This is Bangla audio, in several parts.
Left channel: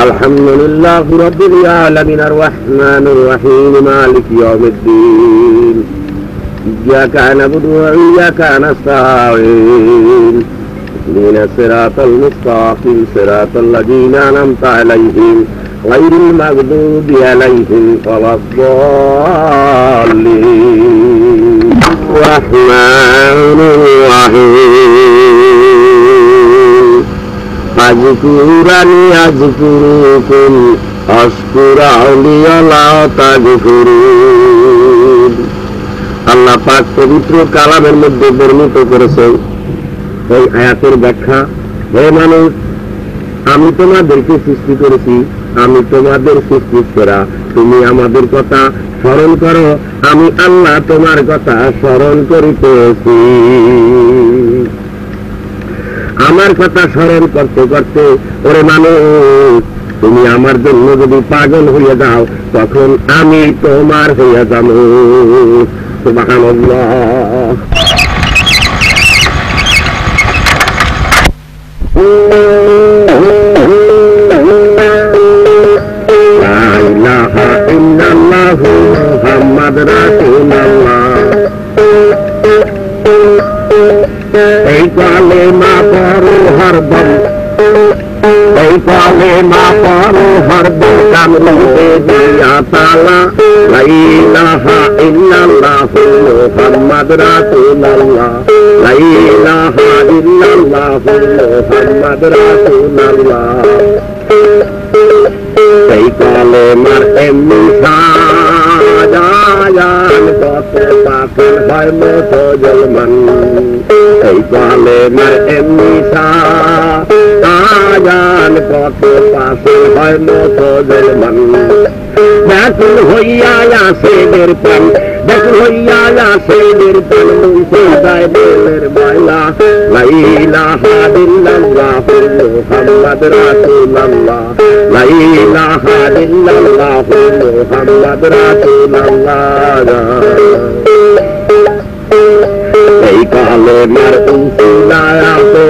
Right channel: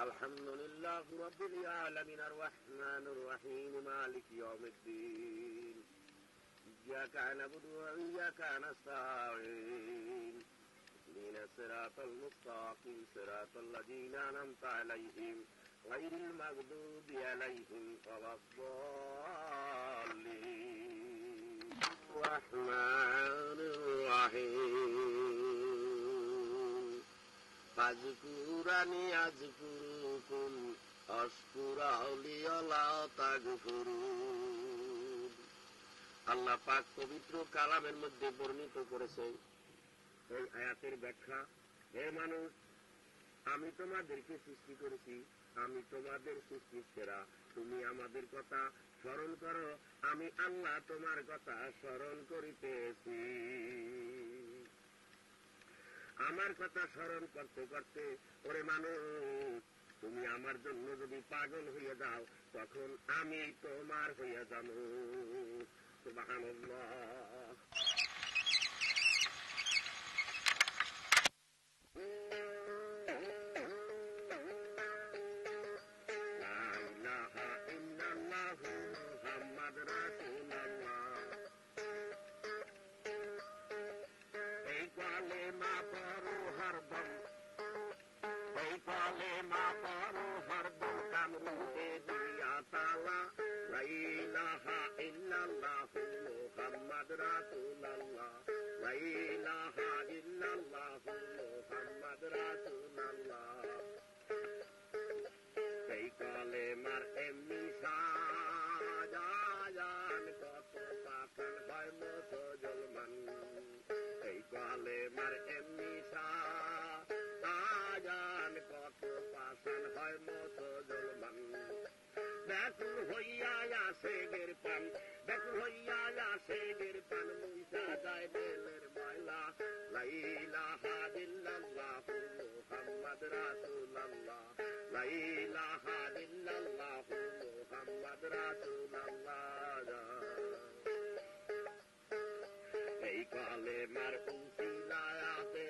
আলহামদুলিল্লাহি রাব্বিল আলামিন আর রাহমানির রহিম মালিকি ইয়াউমিদ্দিন ইয়্যাকা না'বুদু ওয়া ইয়্যাকা নাস্তাঈন ইহদিনাস সিরাতাল মুস্তাকিম সিরাতাল লাযীনা আন'আমতা আলাইহিম গায়রিল মাগদুবি আলাইহিম ওয়ালাদ-দাল্লিন রাহমানির রহিম আযকুরানি আযকুরুকুম আশকুরানি আলা তাগফিরুন। আল্লাহ পাক পবিত্র কালামের মধ্যে বর্ণিত করেছেন এই আয়াতের ব্যাখ্যা, হে মানুষ, আমি তোমাদেরকে সৃষ্টি করেছি, আমি তোমাদের সৃষ্টি করা, তুমি আমাদের কথা স্মরণ করো, আমি আল্লাহ তোমার কথা স্মরণ করিতেছি। আমার কথা স্মরণ করতে করতে ওরে মানুষ, তুমি আমার জন্য যদি পাগল হয়ে যাও তখন আমি তোমার হয়ে যাব। সুবহানাল্লাহ। লা ইলাহা ইল্লাল্লাহু মুহাম্মাদুর রাসূলুল্লাহ। এই কালেমা পড়ো হরদম, এই কালেমা পড়ো হরদম, কামলিতে দিয়া তালা। লা ইলাহা ইল্লাল্লাহু মুহাম্মাদুর রাসূলুল্লাহ। লা ইলাহা ইল্লাল্লাহু মুহাম্মাদুর রাসূলুল্লাহ। এই কালেমার এমনি সাজান কত পাগল হয় মুসলমান। এই কালেমার এমনি সাজান কত পাগল হয় মুসলমান। ব্যাকুল হইয়া আসে নির্পান, ব্যাকুল হইয়া আসে নির্পান, মুখে যায় বেলের ময়লা। লা ইলাহা ইল্লাল্লাহু মুহাম্মাদুর রাসূলুল্লাহ। লা ইলাহা ইল্লাল্লাহু মুহাম্মাদুর রাসূলুল্লাহ। এই কালেমার উসিলাতে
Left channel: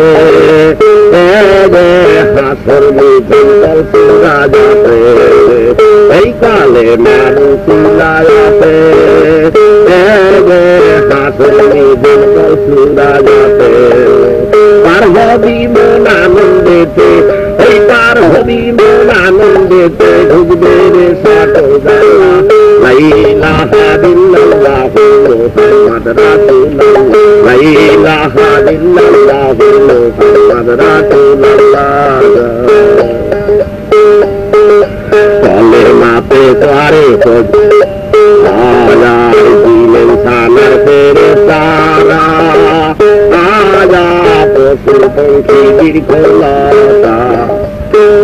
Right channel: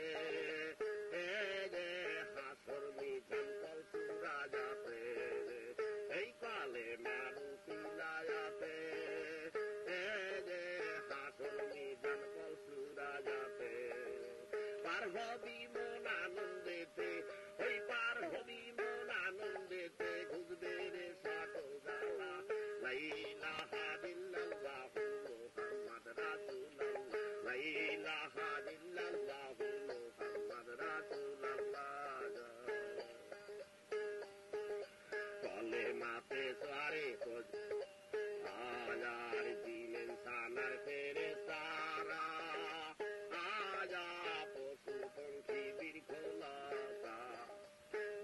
হাসর মিছিল সুরা যাবে। এই কালেমার উসিলাতে হাসর মিছিল সুরা যাবে। পার হবি মন আনন্দেতে, এই পার হবি মন আনন্দেতে, ঢুকবে রে সাটো জানা। লা ইলাহা ইল্লাল্লাহু মুহাম্মাদুর রাসূলুল্লাহ। লা ইলাহা ইল্লাল্লাহু মুহাম্মাদুর রাসূলুল্লাহ। কালেমাতে করে আয়ার দিলেন সানার ফেরেশতারা, আয়া পশু পঙ্খী দীর্ঘলতা।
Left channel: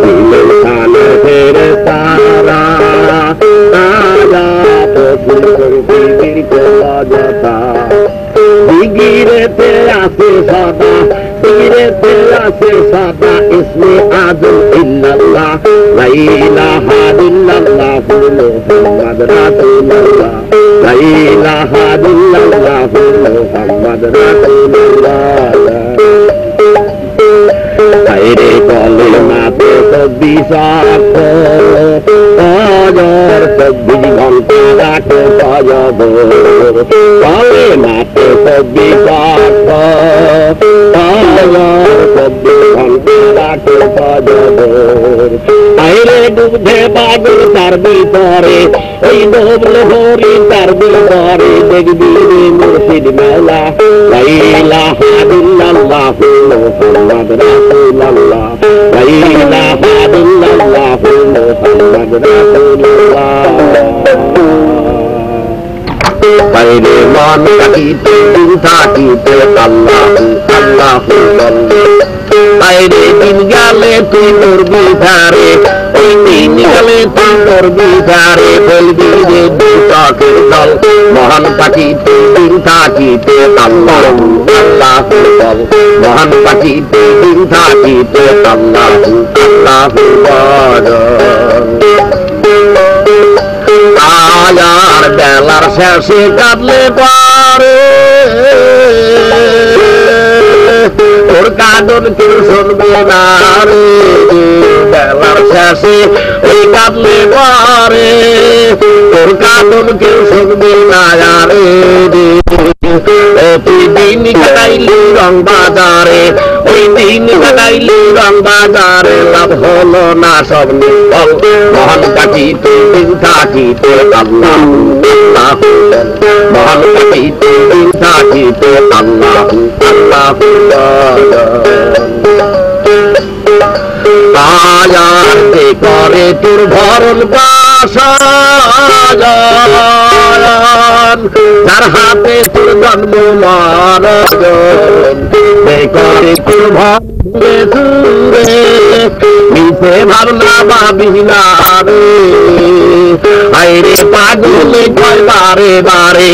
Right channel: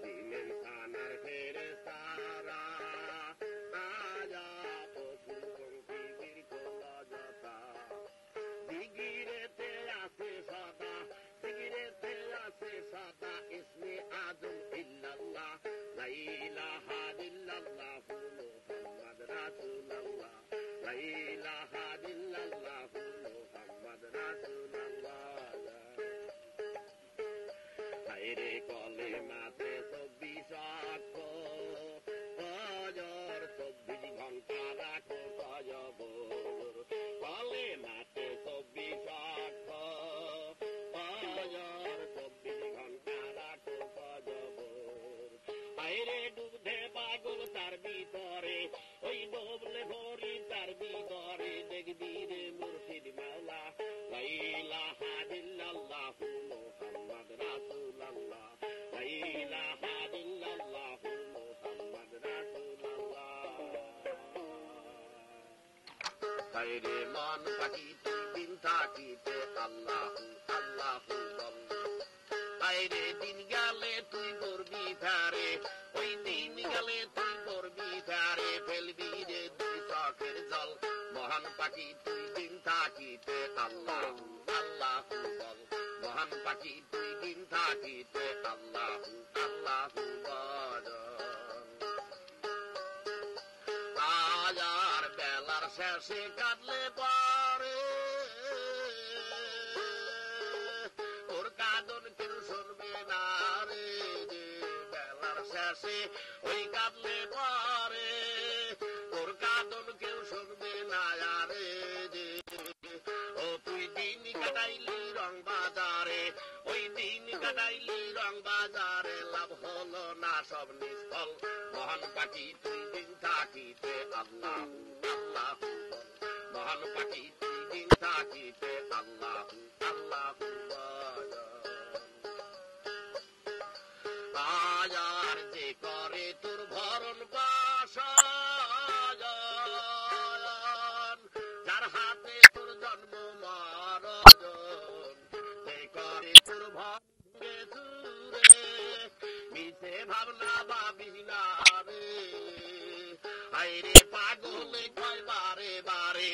দিলেন সানার ফেরেশতারা, আয়া পশু পঙ্খী দীর্ঘলতা। দিগিরেতে আসে সদা, দিগিরেতে আসে সদা, ইসমে আযম ইল্লাল্লাহ। লা ইলাহা ইল্লাল্লাহু মুহাম্মাদুর রাসূলুল্লাহ। লা ইলাহা ইল্লাল্লাহু মুহাম্মাদুর রাসূলুল্লাহ। আইরে কলেমাতে 24 অক্ষর, 24 ঘন্টা রাখে সজবর। কলেমাতে 24 অক্ষর, 24 ঘন্টা রাখে সজবর। আইরে দুধে বাগর তার ভিতরে, ওই ডোবল হরি তার ভিতরে, দেখবি রে মুর্শিদ মাওলা। লা ইলাহা ইল্লাল্লাহু মুহাম্মাদুর রাসূলুল্লাহ। লা ইলাহা ইল্লাল্লাহু মুহাম্মাদুর রাসূলুল্লাহ। বাইরে মন থাকিতে দিন থাকিতে আল্লাহু আল্লাহু বলে। বাইরে দিন গেলে তুই তোর বিধারে, ওই দিন গেলে তুই তোর বিধারে, ফেলবি রে দুচকের জল। মহান থাকিতে দিন থাকিতে আল্লাহু আল্লাহু বল। মহান থাকিতে দিন থাকিতে আল্লাহু আল্লাহু বল। আয়ার বেলার শেষে কাটলে পারে, তোর কাঁদন কেউ শুনবে না রে। বেলার আসে ওই কাঁদলে পরে তোর কাঁদন কেউ শুনবে না রে তুই দিন কাটাইলি রং বাজারে ওই দিন কাটাইলি রং বাজারে লাভ হলো না সব নির্ফল মহান কাটিতে দিন থাকিতে আল্লাহ আল্লাহ মহান কাটিতে দিন থাকিতে আল্লাহ আল্লাহ আয়ার যে করে তোর ভরণ পাশান যার হাতে তোর জন্ম মারণ করে তোর ভরে সুরে মিশে ভাবনা ভাবিনা রে আইরে পাগলে কয় বারে বারে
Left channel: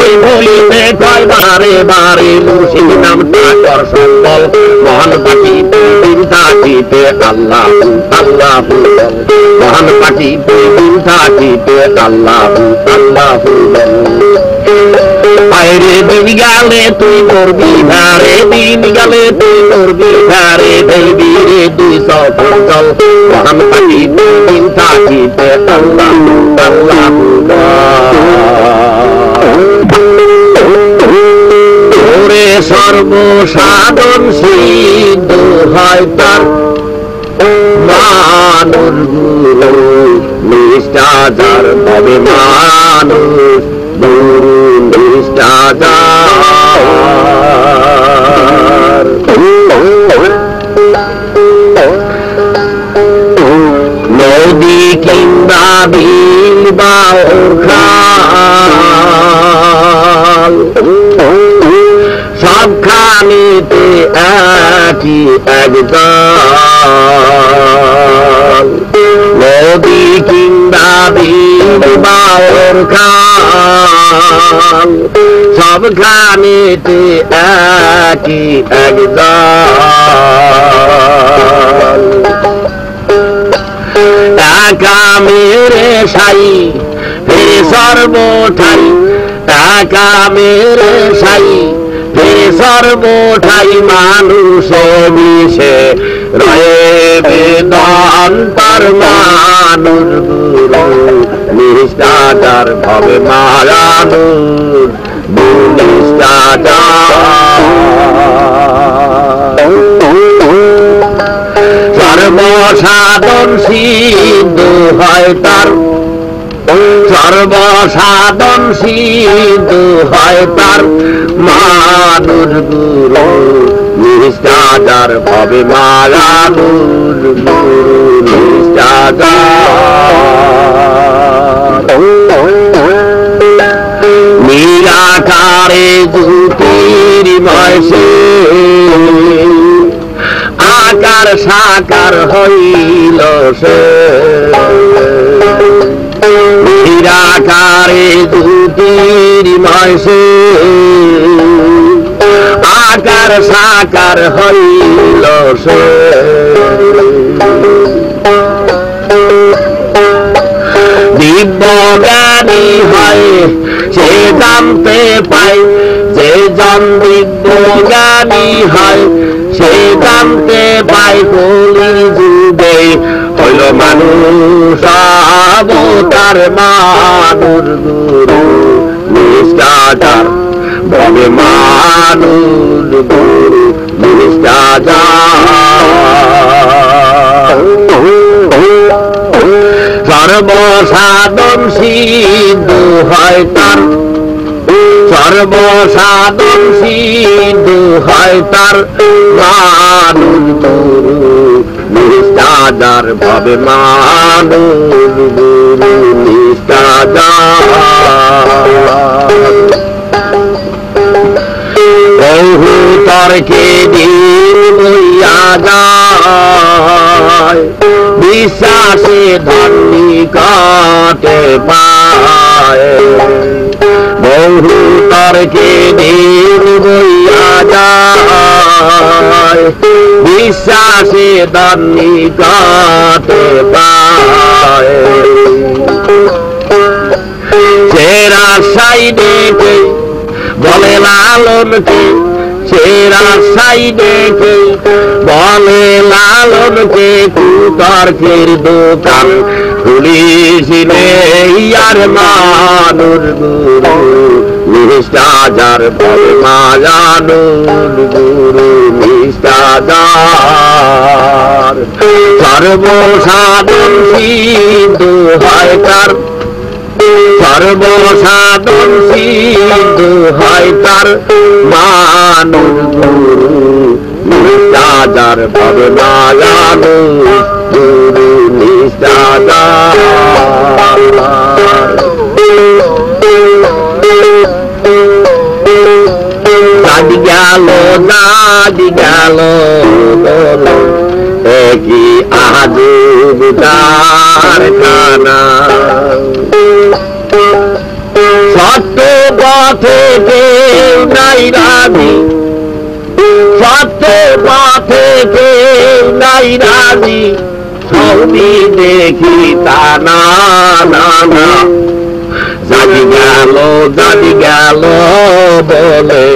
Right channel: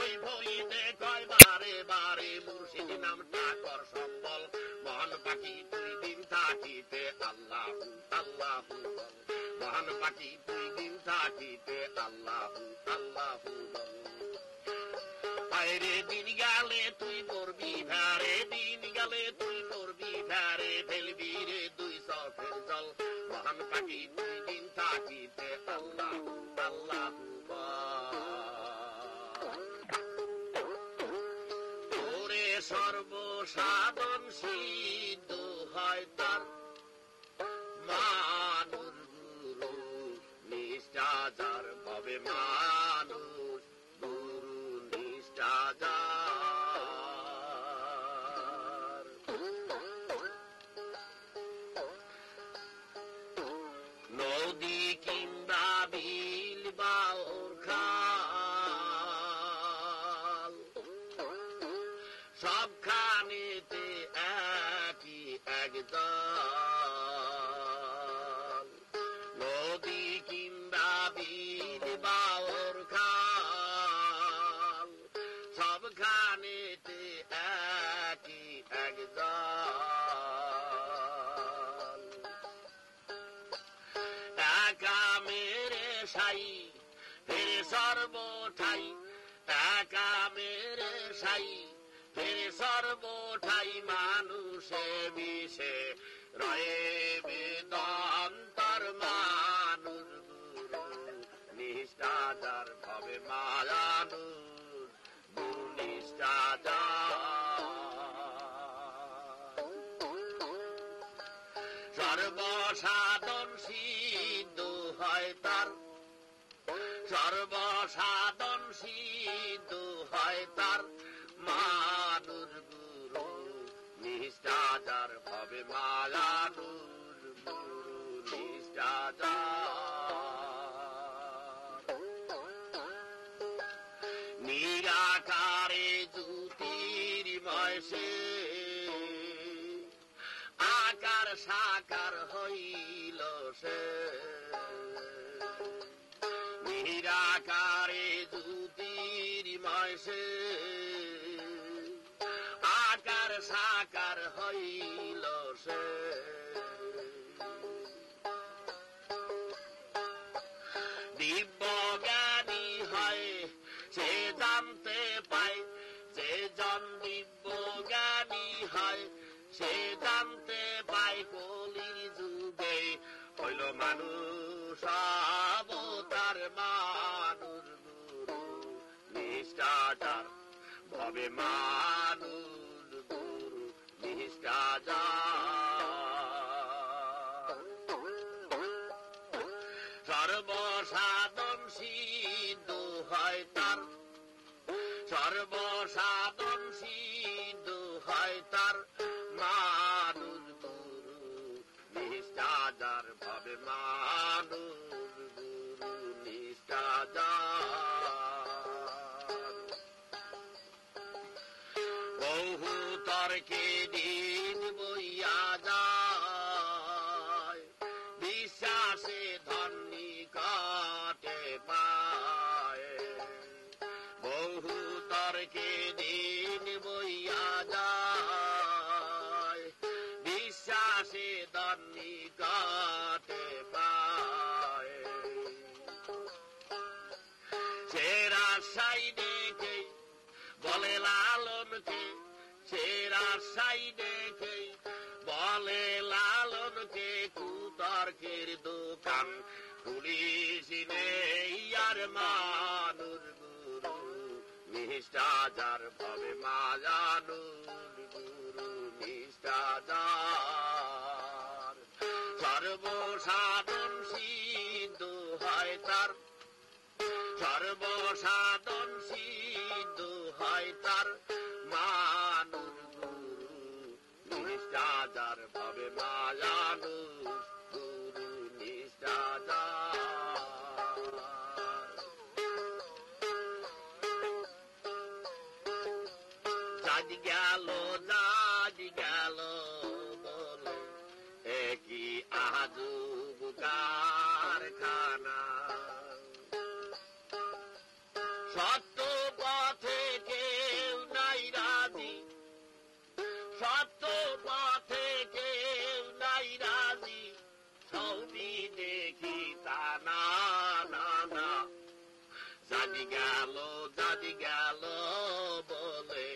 ওই বলিতে কয় বারে বারে মুর্শিদ নামটা কর সম্বল মহান পাখিতে দিন থাকিতে আল্লাহ আল্লাহ মহান পাখিতে দিন থাকিতে আল্লাহ আল্লাহ আইরে দিন গেলে তুই করবি ধারে দিন গেলে তুই করবি ধারে দেবি রে তুই সফল চল মহান পাখিতে দিন থাকিতে আল্লাহ আল্লাহ ওরে সর্বসাধন সিদ্ধ হয় তার মানুষ গুরু নিষ্ঠাচার তবে মানুষ গুরু নিষ্ঠাচার নদী কিংবা বিল বা খাল সবখানিতে একই একদল নদী কিংবা বিল বা খাল সবখানিতে একই একদল একা মেরে সাই ফেরে সর্বঠাই একা মেরে সাই ফেরে সর্বঠাই মানুষে মিশে রয়ে বেদন তার মানুষ গুরু নিষ্ঠাচার ভবে মারানুর নিষ্ঠাচার সর্বসাধন সিদ্ধ হয় তার সর্বসাধন সিদ্ধ হয় তার মানুষ গুরু নিষ্ঠাচার ভবে মারানুর গুরু নিষ্ঠাচার নিরাকারে জ্যোতির্ময় সে আকার সাকার হইল সে নিরাকারে জ্যোতির্ময় সে আকার সাকার হইল সে দিব্য জ্ঞানী হয় সে জানতে পায় যে জন দিব্য জ্ঞানী হয় সে জানতে পায় কলি যুগে হইল মানুষ অবতার মানুষ গুরু নিষ্ঠাচার ভবে মানুষ গুরু নিষ্ঠাচার সর্বসাধন সিদ্ধ হয় তার সর্বসাধন সিদ্ধ হয় তার মানুষ গুরু নিষ্ঠাচার ভবে মানুষ গুরু নিষ্ঠাচার বহু তর্কে দিন বইয়া যায় বিশ্বাসে ধর্মী কাটে পায় বহু তর্কে দিন বইয়া যায় বিশ্বাসে ধর্মী কাটে পায় সেরা সাইডে বলে লালনকে সেরা সাইডে বলে লালনকে কুত তর্কের দোকান খুলিছিলে আর মানুষ গুরু নিষ্ঠাজার পরে মায়ানুর গুরু নিষ্ঠাজার সর্বসাধন সিদ্ধ হয় তার সর্বসাধন সিদ্ধ হয় তার মানুষ গুরু নিষ্ঠাজার পরে মায়ানুর গুরু নিষ্ঠাজার দাদি গেল বলো একই আজব কারখানা সত্য পথে কেউ নাই রাজি সত্য পথে কেউ নাই রাজি সৌদি দেখি তা না না না জানি গেল বলে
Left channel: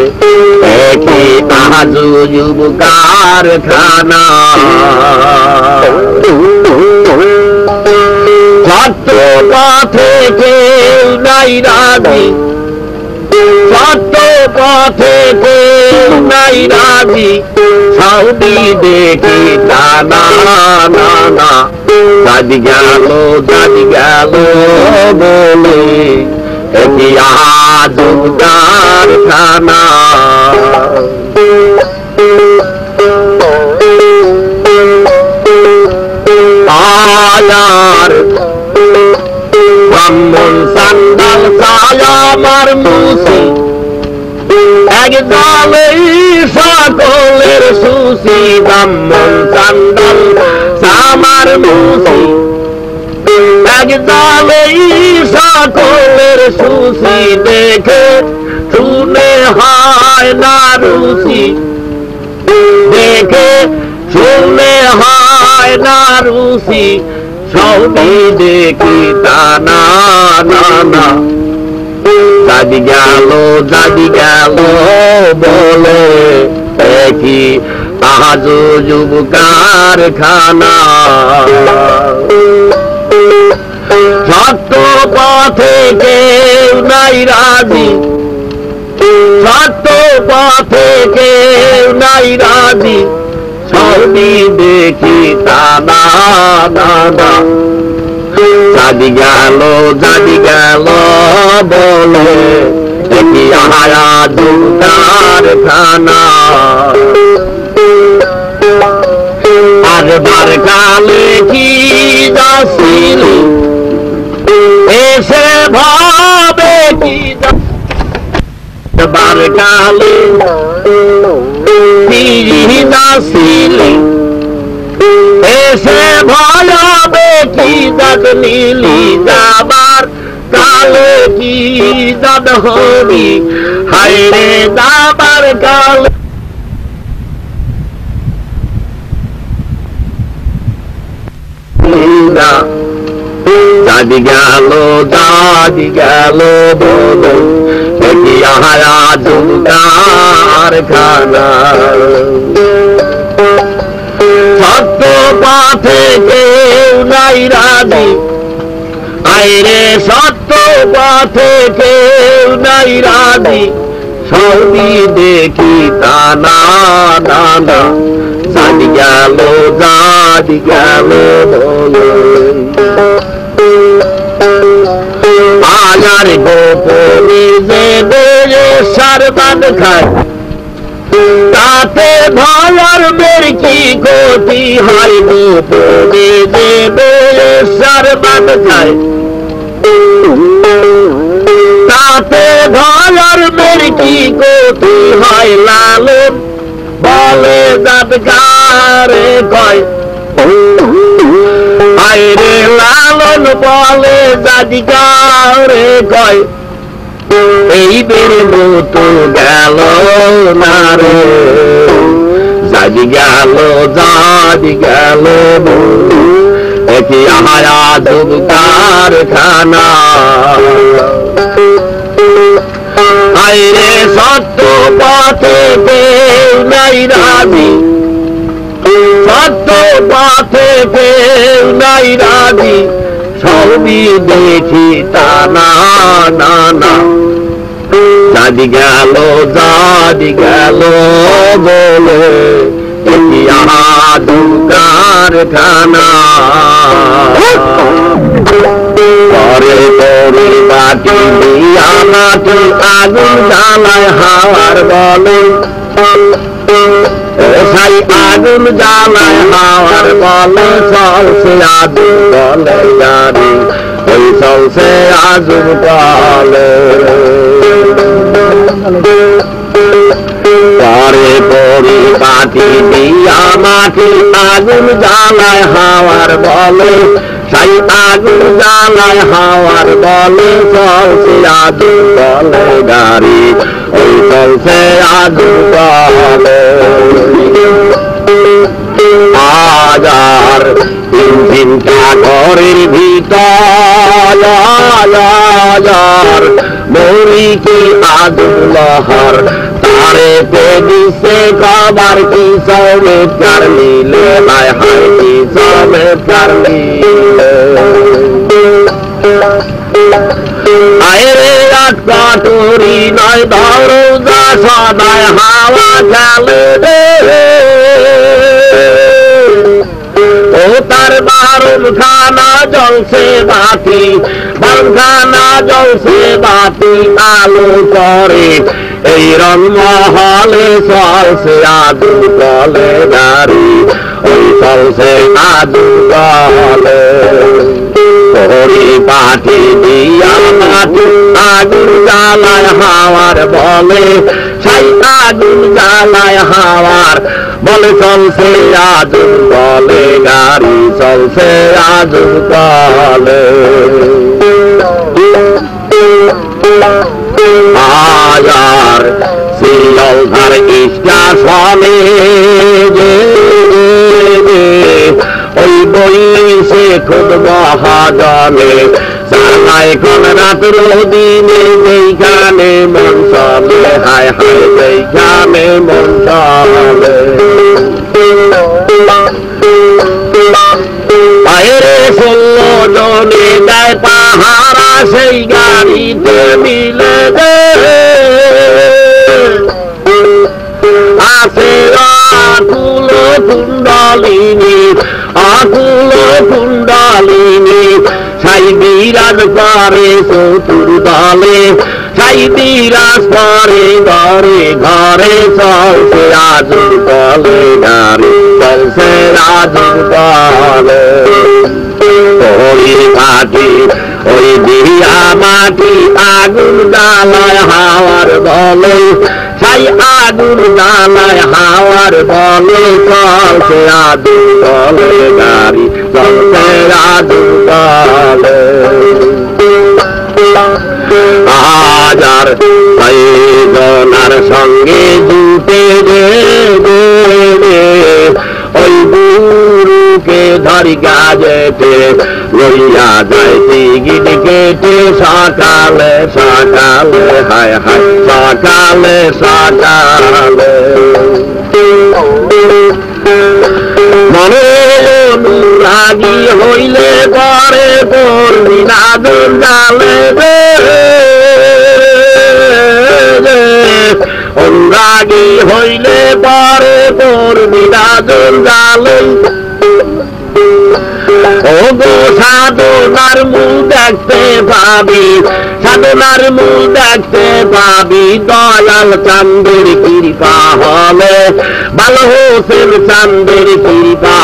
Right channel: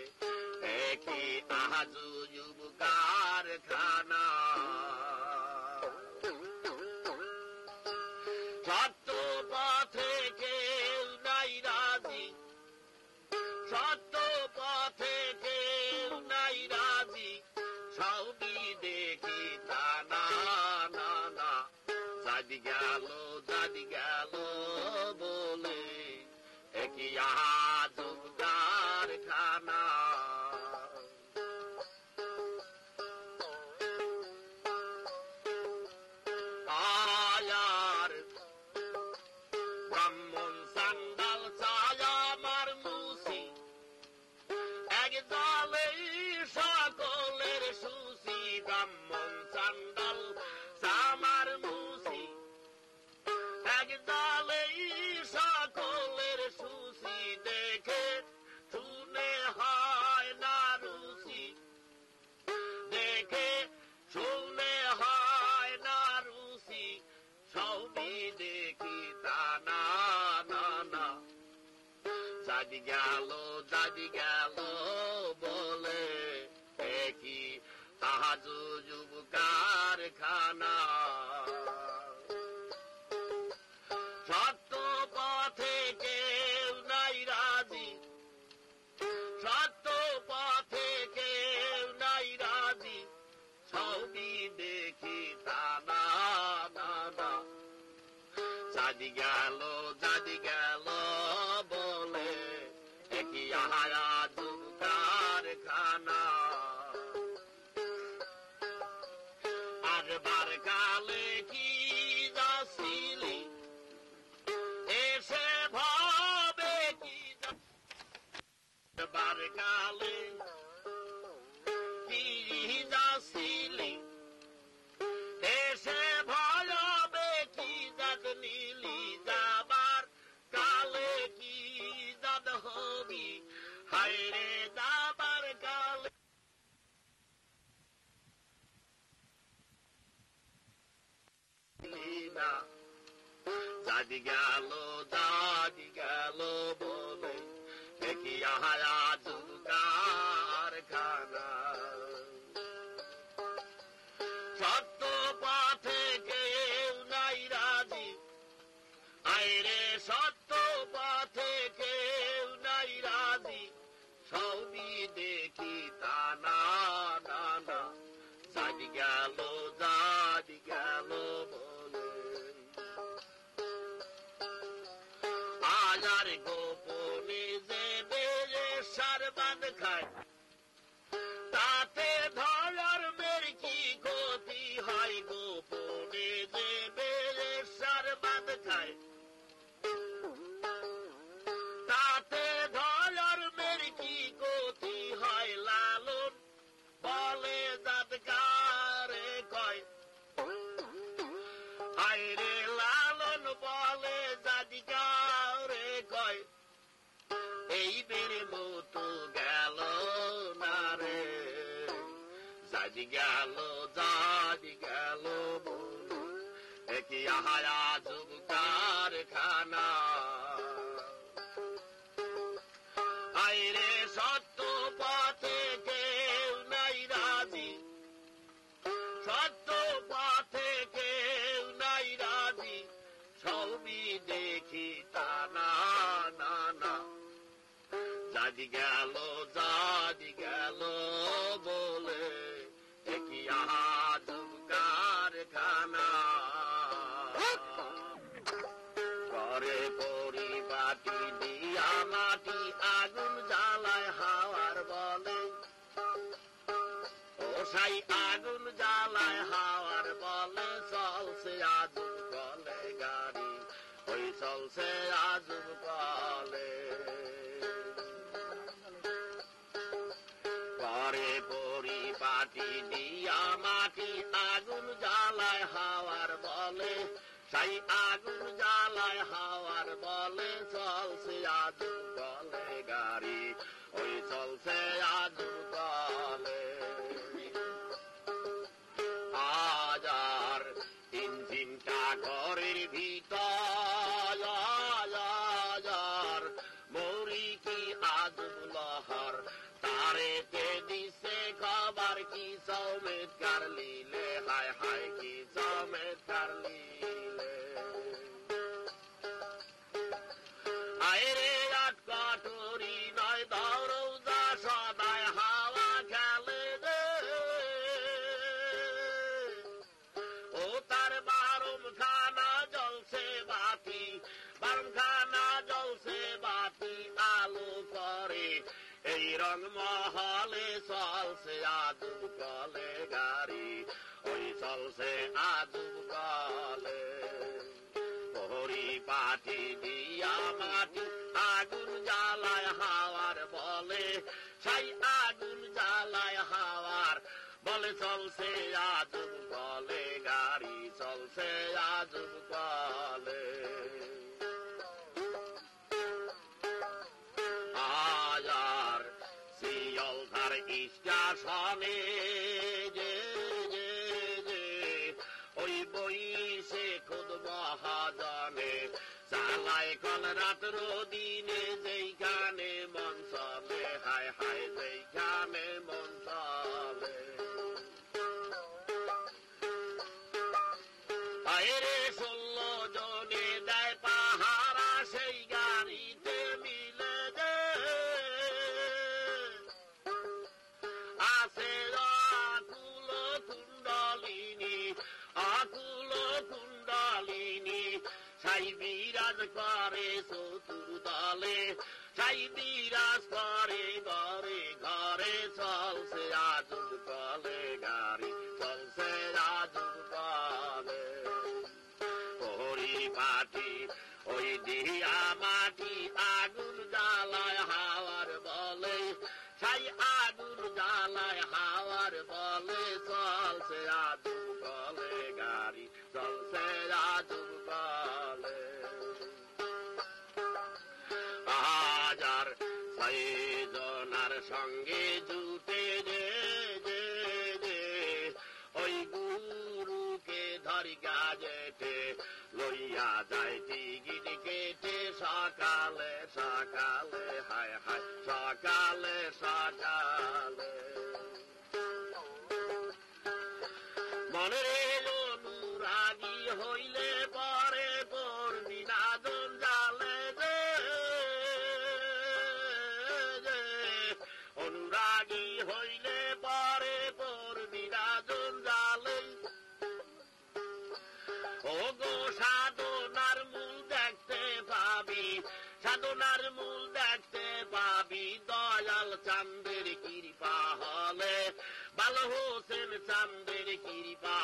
একই আজব কারখানা সত্য পথে কেউ নাই রাজি সত্য পথে কেউ নাই রাজি সৌদি দেখি তা না না না দাদি গেল বলে একই আজব কারখানা আয়ার ব্রাহ্মণ সান্দাল ছায়ামার মুসি এক দলেই সকলের সুসি ব্রাহ্মণ সান্দাল সামার মুসি এক দলেই সকলের সুসি দেখে শুনে হয় না রুচি দেখে শুনে হয় না রুচি সৌদি দেখি তা না না না দাদি গেল বলে একই আজব কারখানা সত্য পথে কেউ নাই রাজি সত্য পথে কেউ নাই রাজি সৌদি দেখি তা না না না দাদি গেল বলে একই আজব কারখানা আরবার কালে কি যাচ্ছিলি এসে ভাবে কি বার কালে যাচ্ছিলি এসে ভয়াবে কি জাত নীলি যাবার কালে কি জাত হবি হায়রে যাবার কালে দাদি গেল বলো একই আজব কারখানা সত্য পথে কেউ নাই রাজি আইরে সত্য পথে কেউ নাই রাজি সৌদি দেখি তা না না না দাদি গেল বলো আয়ার গোপনে যে বেড়ে সারবান খায় তাতে ভয়ার মের কি ক্ষতি হয় গোপনে যে বেড়ে সারবান খায় তাতে ভয়ার মের কি ক্ষতি হয় লালন বলে জাতকারে কয় আইরে লালন বলে জাতিকারে কয় এই বের মতো গেল না রে জাদি গেল একই আজব কারখানা আইরে সত্য পথে কেউ নাই রাজি তো পথে কেউ নাই রাজি, সবই দেখি তা না না না। দাদি গেল বলে দেখি আদম কারখানা। পরে পরে বাটি দিয়া মাটি আগুন জ্বালায় হাওয়ার বলে, সাই আগুন জ্বালায় হাওয়ার বলে, চলছে আগুন বলে গাড়ি, ওই চলছে আগুন বলে। পরে পরে বাটি দিয়া মাটি আগুন জ্বালায় হাওয়ার বলে, সাই আগুন জ্বালায় হাওয়ার বলে, চলছে আগুন বলে গাড়ি, ওই চলছে আগুন বলে। আজার ইঞ্জিনটা ঘরের ভিতর, মরি কি আগুন লহর, তারে পে দিছে খবর কি চমৎকার মিলে, হায় হায় কি চমৎকার মিলে। আরে কাটুরি নয় ধরো যা সদায় হাওয়া খেলে রে, ও তার বারুন খানা জ্বলছে বাতি, বারখানা জ্বলছে বাতি আলো করে, এই রং মহলে চলছে আগুন বলে গাড়ি, ওই চলছে আগুন বলে। পরি পাঠি দিয়া মাটি আগুন জ্বালায় হাওয়ার বলে, সাই আগুন জ্বালায় হাওয়ার বলে, চলছে আগুন বলে গাড়ি, চলছে আগুন বলে। আয়ার শিলধার স্টেশনে ওই বইছে খুব মহাজনে, চালায় কোন রাত্র দিনে, যেইখানে মন চলে, হায় হায় যেইখানে মন চলে। বাইরে 16 জনে দেয় পাহারা, সেই গাড়িতে মিলে আছে আকুল কুণ্ডলিনী, আকুল কুণ্ডলিনী, সাই বিরাজ করে চতুর দলে, সাই বিরাজ করে ঘরে ঘরে, চলছে আগুন বলে গাড়ি, চলছে আগুন বলে। ওই মাটি ওই দিয়া মাটি আগুন জ্বালায় হাওয়ার বলে, সাই আগুন জ্বালায় হাওয়ার বলে, চলছে আগুন বলে গাড়ি, চলছে আগুন বলে। হাজার জনার সঙ্গে জুটে ওই গুরুকে ধরি গাজেতে, লইয়া যায় টিকিট কেটে সকালে সকালে, হায় হায় সকালে সকালে। মনে অনুরাগী হইলে পরে পড়বি আগুন জ্বালে অনুরাগী হইলে পরে পড়বি আগুন জ্বালে। ও গো সাধনার মূল দেখতে পাবি, সাধনার মূল দেখতে পাবি, দয়াল চাঁদের কৃপা হলে, ভালো হোসেন চাঁদের কৃপা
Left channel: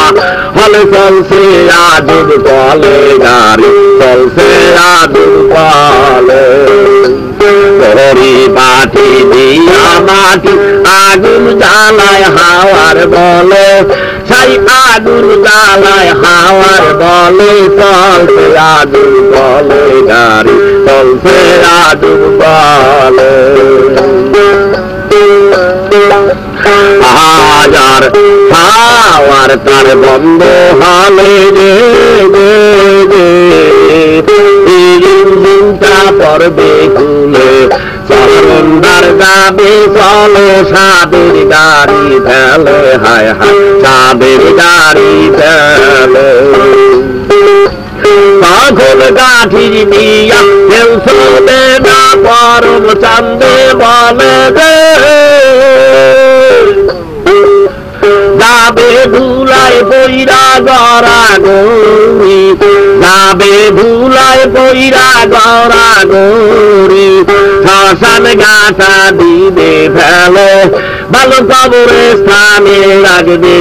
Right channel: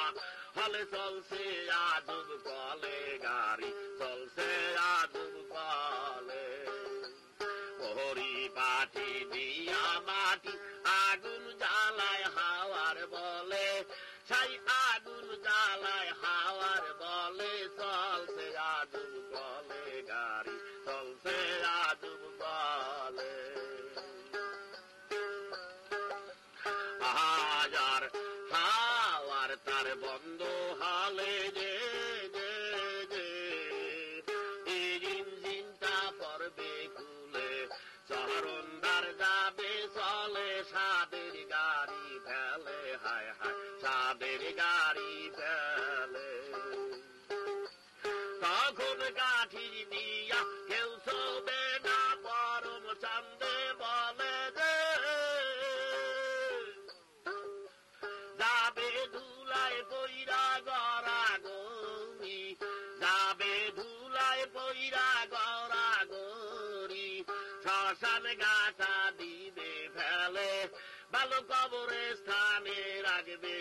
হলে, চলছে আগুন বলে গাড়ি, চলছে আগুন বলে। পরি পাঠি দিয়া মাটি আগুন জ্বালায় হাওয়ার বলে, সাই আগুন জ্বালায় হাওয়ার বলে, চলছে আগুন বলে গাড়ি, চলছে আগুন বলে। হাজার হাওয়ার তার বন্ধ হলে ইঞ্জিনটা পড়বে খুলে, চরণদার যাবে চলো সাদের গাড়ি ফেলে হায় হায় সাদের গাড়ি ফেলে তখন কাঠির দিয়া কেউ শোনে না পরম চান্দে বলে রে যাবে ধুলায় বইরা গড়া গৌরী যাবে ধুলায় বইরা গড়া গৌরী শ্মশান গাছা দিবে ফেলে ভালো কবরে স্থানে লাগবে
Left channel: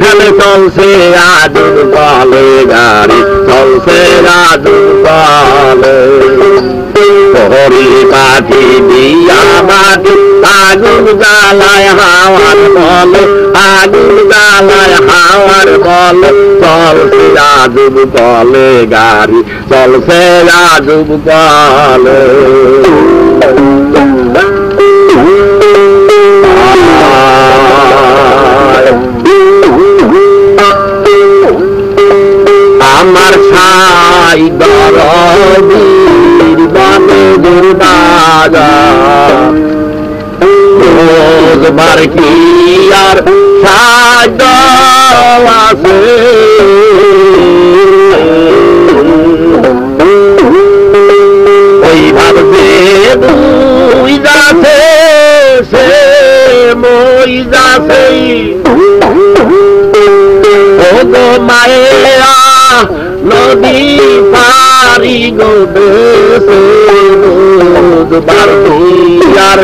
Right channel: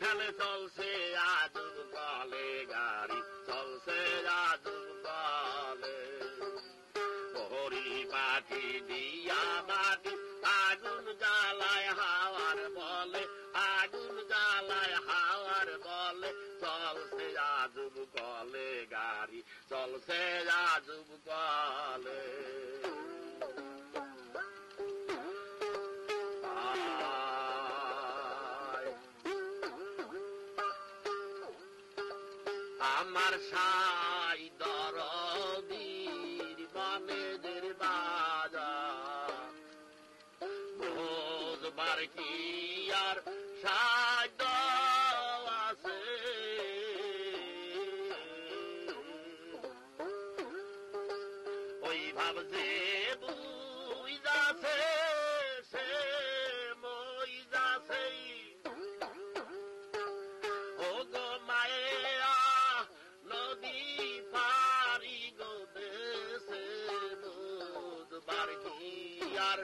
ফেলে চলছে আজুর বলে গাড়ি চলছে আজুর বলে হরি পাখি দিয়া মাটি আগুন জ্বালায় হাওয়ার বলে আগুন জ্বালায় হাওয়ার বলে চলছে আজুর বলে গাড়ি চলছে আজুর বলে আমার ছাই দরদির বানে দুর্বাজা রোজবার কি আর ছাই আছে ওই ভাবছে দুই যাচ্ছে সে মই যাচ্ছে ও গো মায়েরা নদী পারি গো দেশে বুধবার আর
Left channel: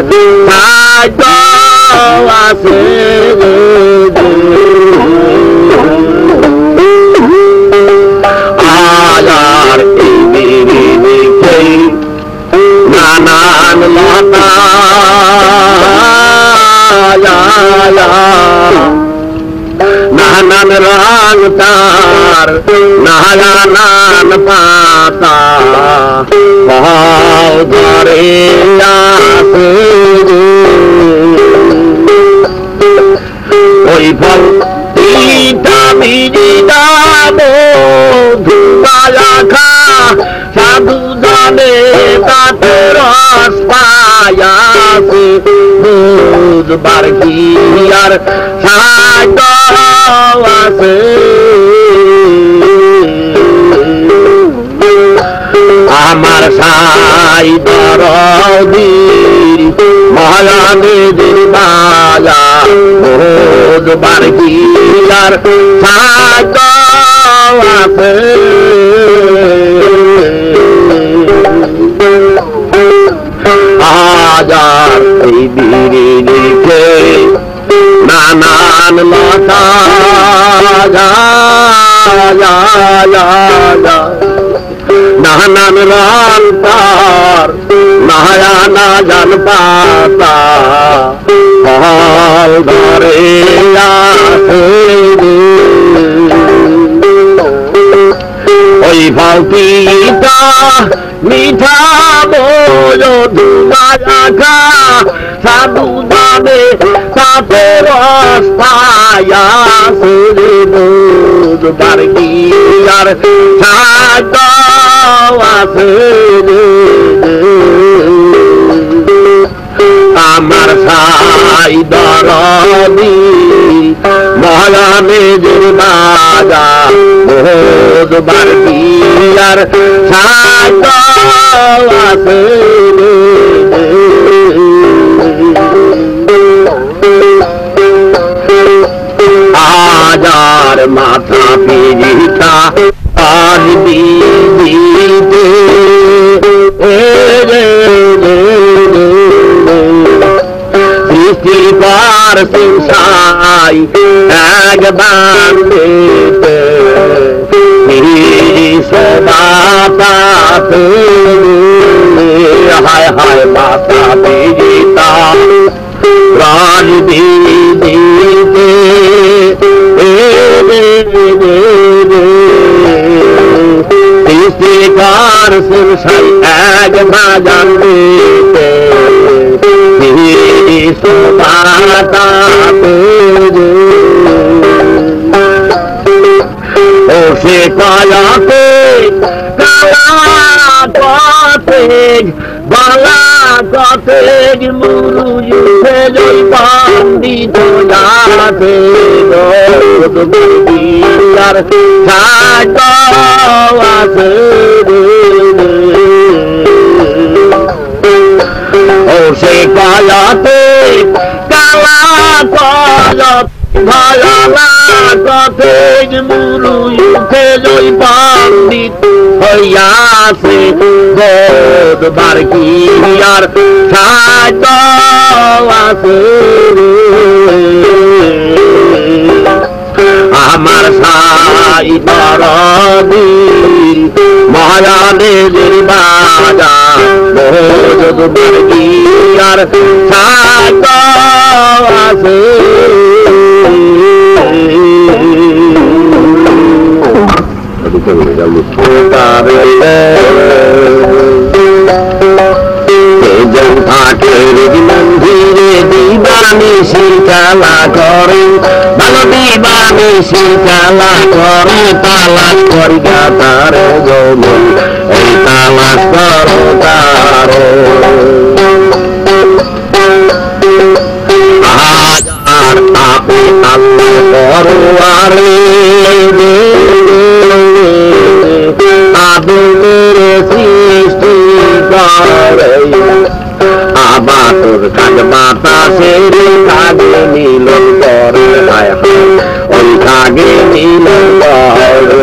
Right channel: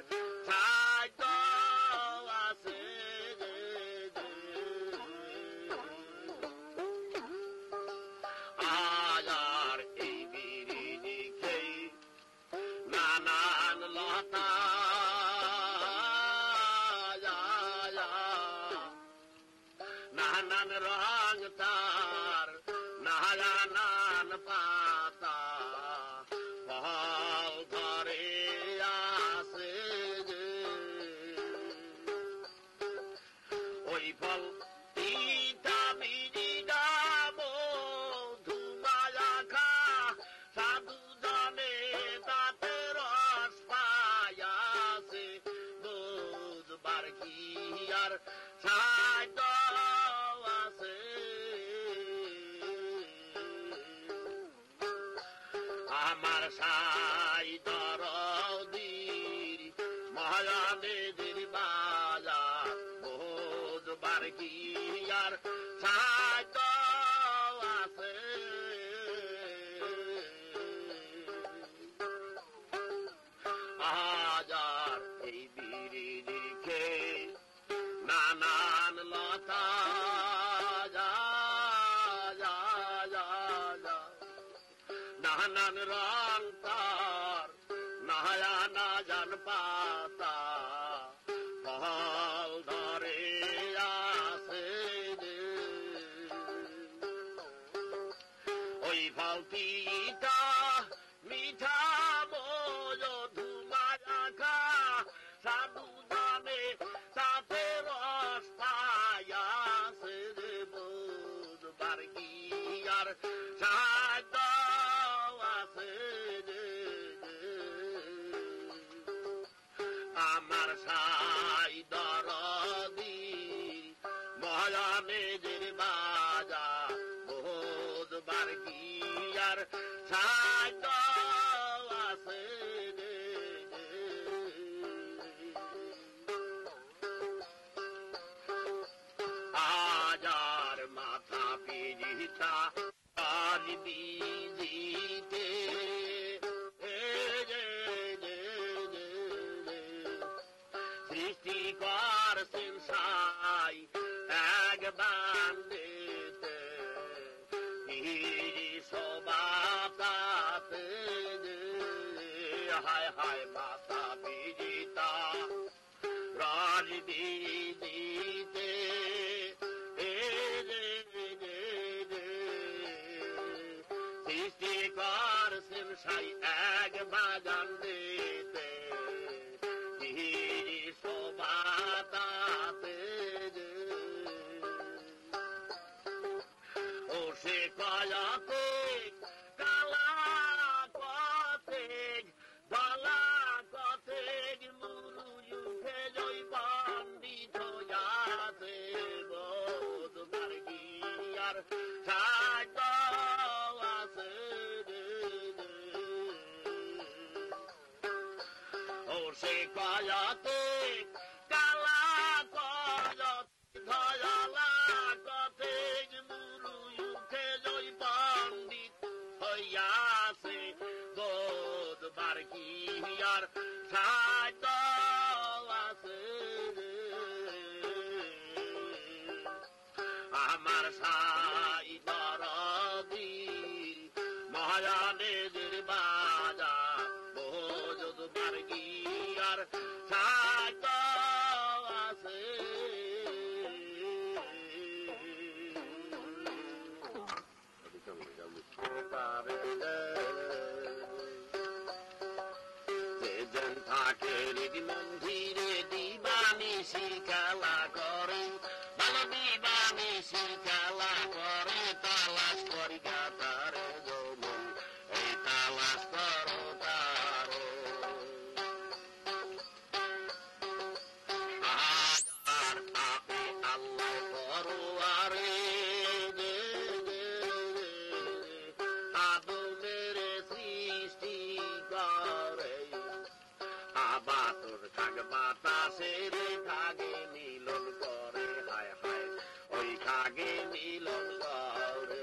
খাদ্য আছে আয়ার এই বিরিদিকে নানান লতা নানান রং তার নানান পাতা পাও ধরে আসে ওই ফল তিনটা বিড়ি দাবো ধুয়া খা সাধু জানে তাতে রস পায়াছে বুধবার কি আর সাধ্য আছে আমার সাই দরদির মহারানীর বালা বুধবার কি আর সাধ্য আছে হাজার এই বিরিদিকে নানান লতা নানান রং তার নায়ানা জান পাতা ফল ধরে আসে ওই ফল পিতা মিঠা বলো ধুমা রাখা সাধু জানে তাতে রস পায়াছে বুধবার কি আর সাধ্য আছে আমার সাই দরদি মহারানীর বাজা বুধবার কি আর সাধ্য আছে আজার মাথা পিরিতা আর দিতে সৃষ্টি পার সিংসাই এক বান্ধিতে মাতা হায় হায় মাতা পিরিতা প্রাণ দিতে সৃষ্টিকার সিংসাই এক বাজান দিতে মাতা ও সে কায়াতে কালা কতে বালা কত তেজ মুরুজে জয় পণ্ডিত আছে আর ছাট আছে ও সে কায়াতে কালা কলত ভালা তেজ মুরুজে জয় পণ্ডিত হইয়াছে বোধবার কি আর ছাট আছে আমার সাই বরদিন মহারানের বাজার বোধবার কি আর ছাট আছে মন্দিরে দিবানিশি খেলা করে ভালো দিবানিশি খেলা করে তালাশ করি তার যৌবন এই তালাশ করো তার আর আপনি আল্লাহ পরোয়ারে আদমের সৃষ্টি করে আবাতুর কাজ বাতাসের কাজে মিলন করে হায় হায় ওই কাজে মিলন করে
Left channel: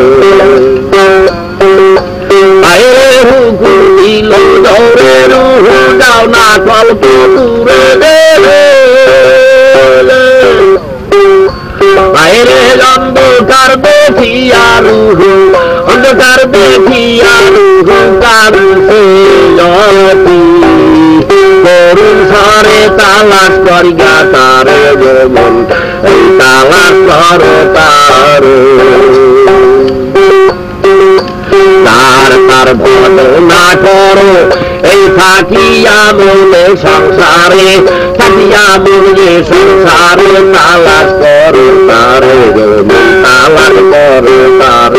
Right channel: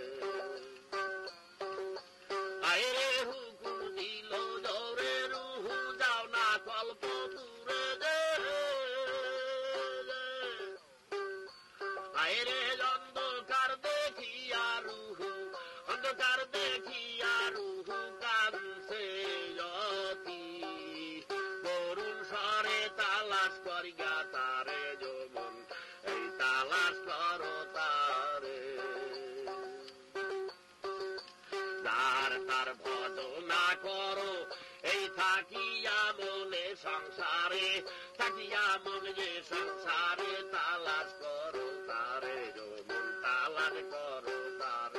আয়ে হুকু দিল দৌড়ে রুহু যাও না কল্প দূরে বাইরে অন্ধকার দেখিয়া রুহু অন্ধকার দেখিয়া রুহু কারুছে জতি করুণ সারে তালাশ করিয়া তার যৌবন এই তালাশ করো তার তার ভজনা করো এই থাকিয়া মনে সংসারে থাকিয়া মনে সংসারে তালাশ করো তার যৌবন তালাশ করো তার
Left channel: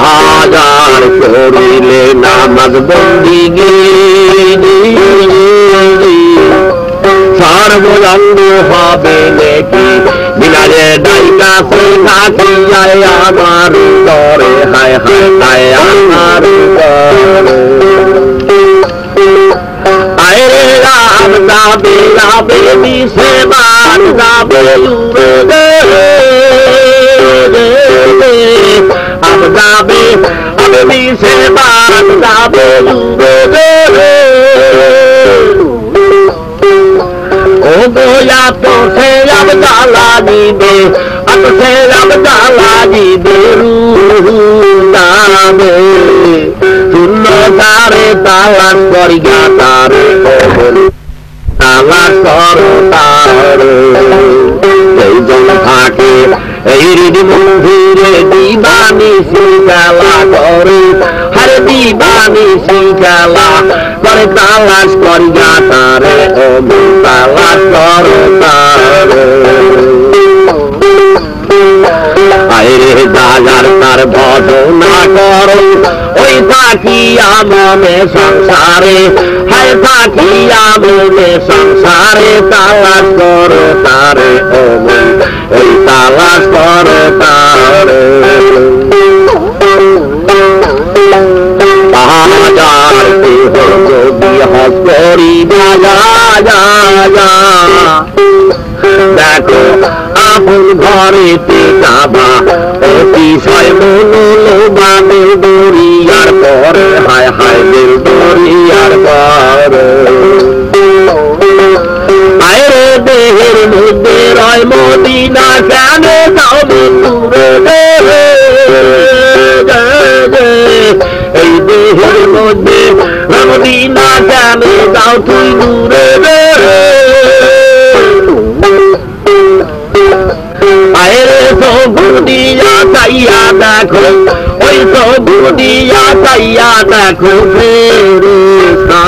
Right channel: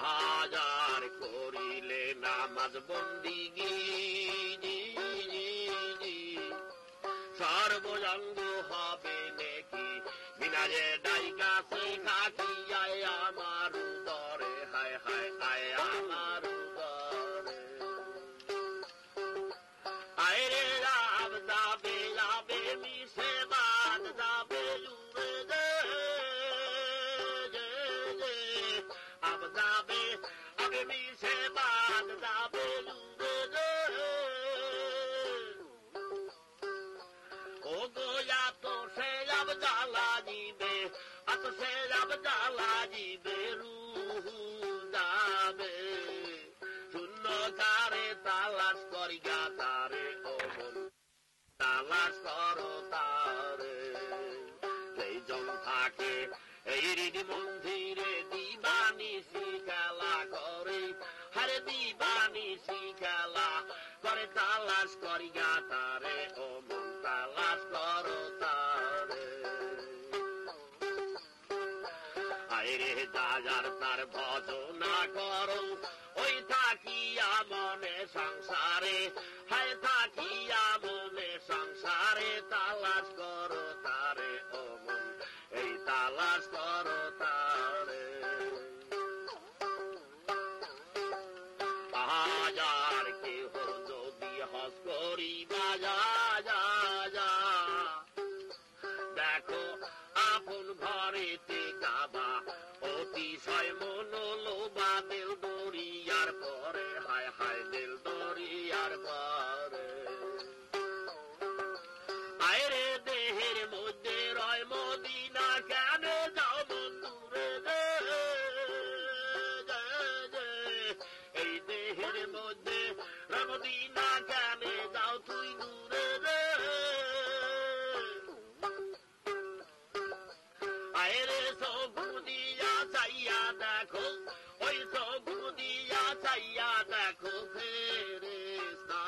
হাজার করিলে নামাজ বন্দিগি সর্বজন্ম হবে নাকি বিনারে ডাইকা সে থাকিয়ায় আমার করে হায় হায় হায় আমার করে আরে রাম যাবে যাবে দিশে মান যাবে উড়ে আব যাবে আবে দিশে মান যাবে উড়ে ও গোয়া তো সে আব জ্বালা দিবে আত সে আব জ্বালা দিবে রুহু যাবে শূন্য তারে তালাশ করিয়া তারে তালাশ করো তারে এই জন থাকে এই হৃদি মন্দিরে দিবানিশি খেলা করে হরে দিবানিশি খেলা করে তালাশ করিয়া তারে ও তালাশ করো তারে আইরে যার তার ভজনা করো ওই থাকিয়া মনে সংসারে হায় থাকিয়া মনে সংসারে তালাশ করো তারে ও ওই তালাশ করো তারে হাজার যদি হস করি দেখো আপন ঘরেতে যাবা অতিশয় মনোলোবানে দরিয়ার পরে হায় হায় দিল দরিয়ার পরে আরে দেহের মধ্যে রয় মদিনা কেন যাও দূরে এই দেহের মধ্যে মদিনা কেন যাও তুই দূরে আরে সবুদিয়া চাইয়া দেখো ওই সবুদিয়া চাইয়া দেখো ফেরেশতারা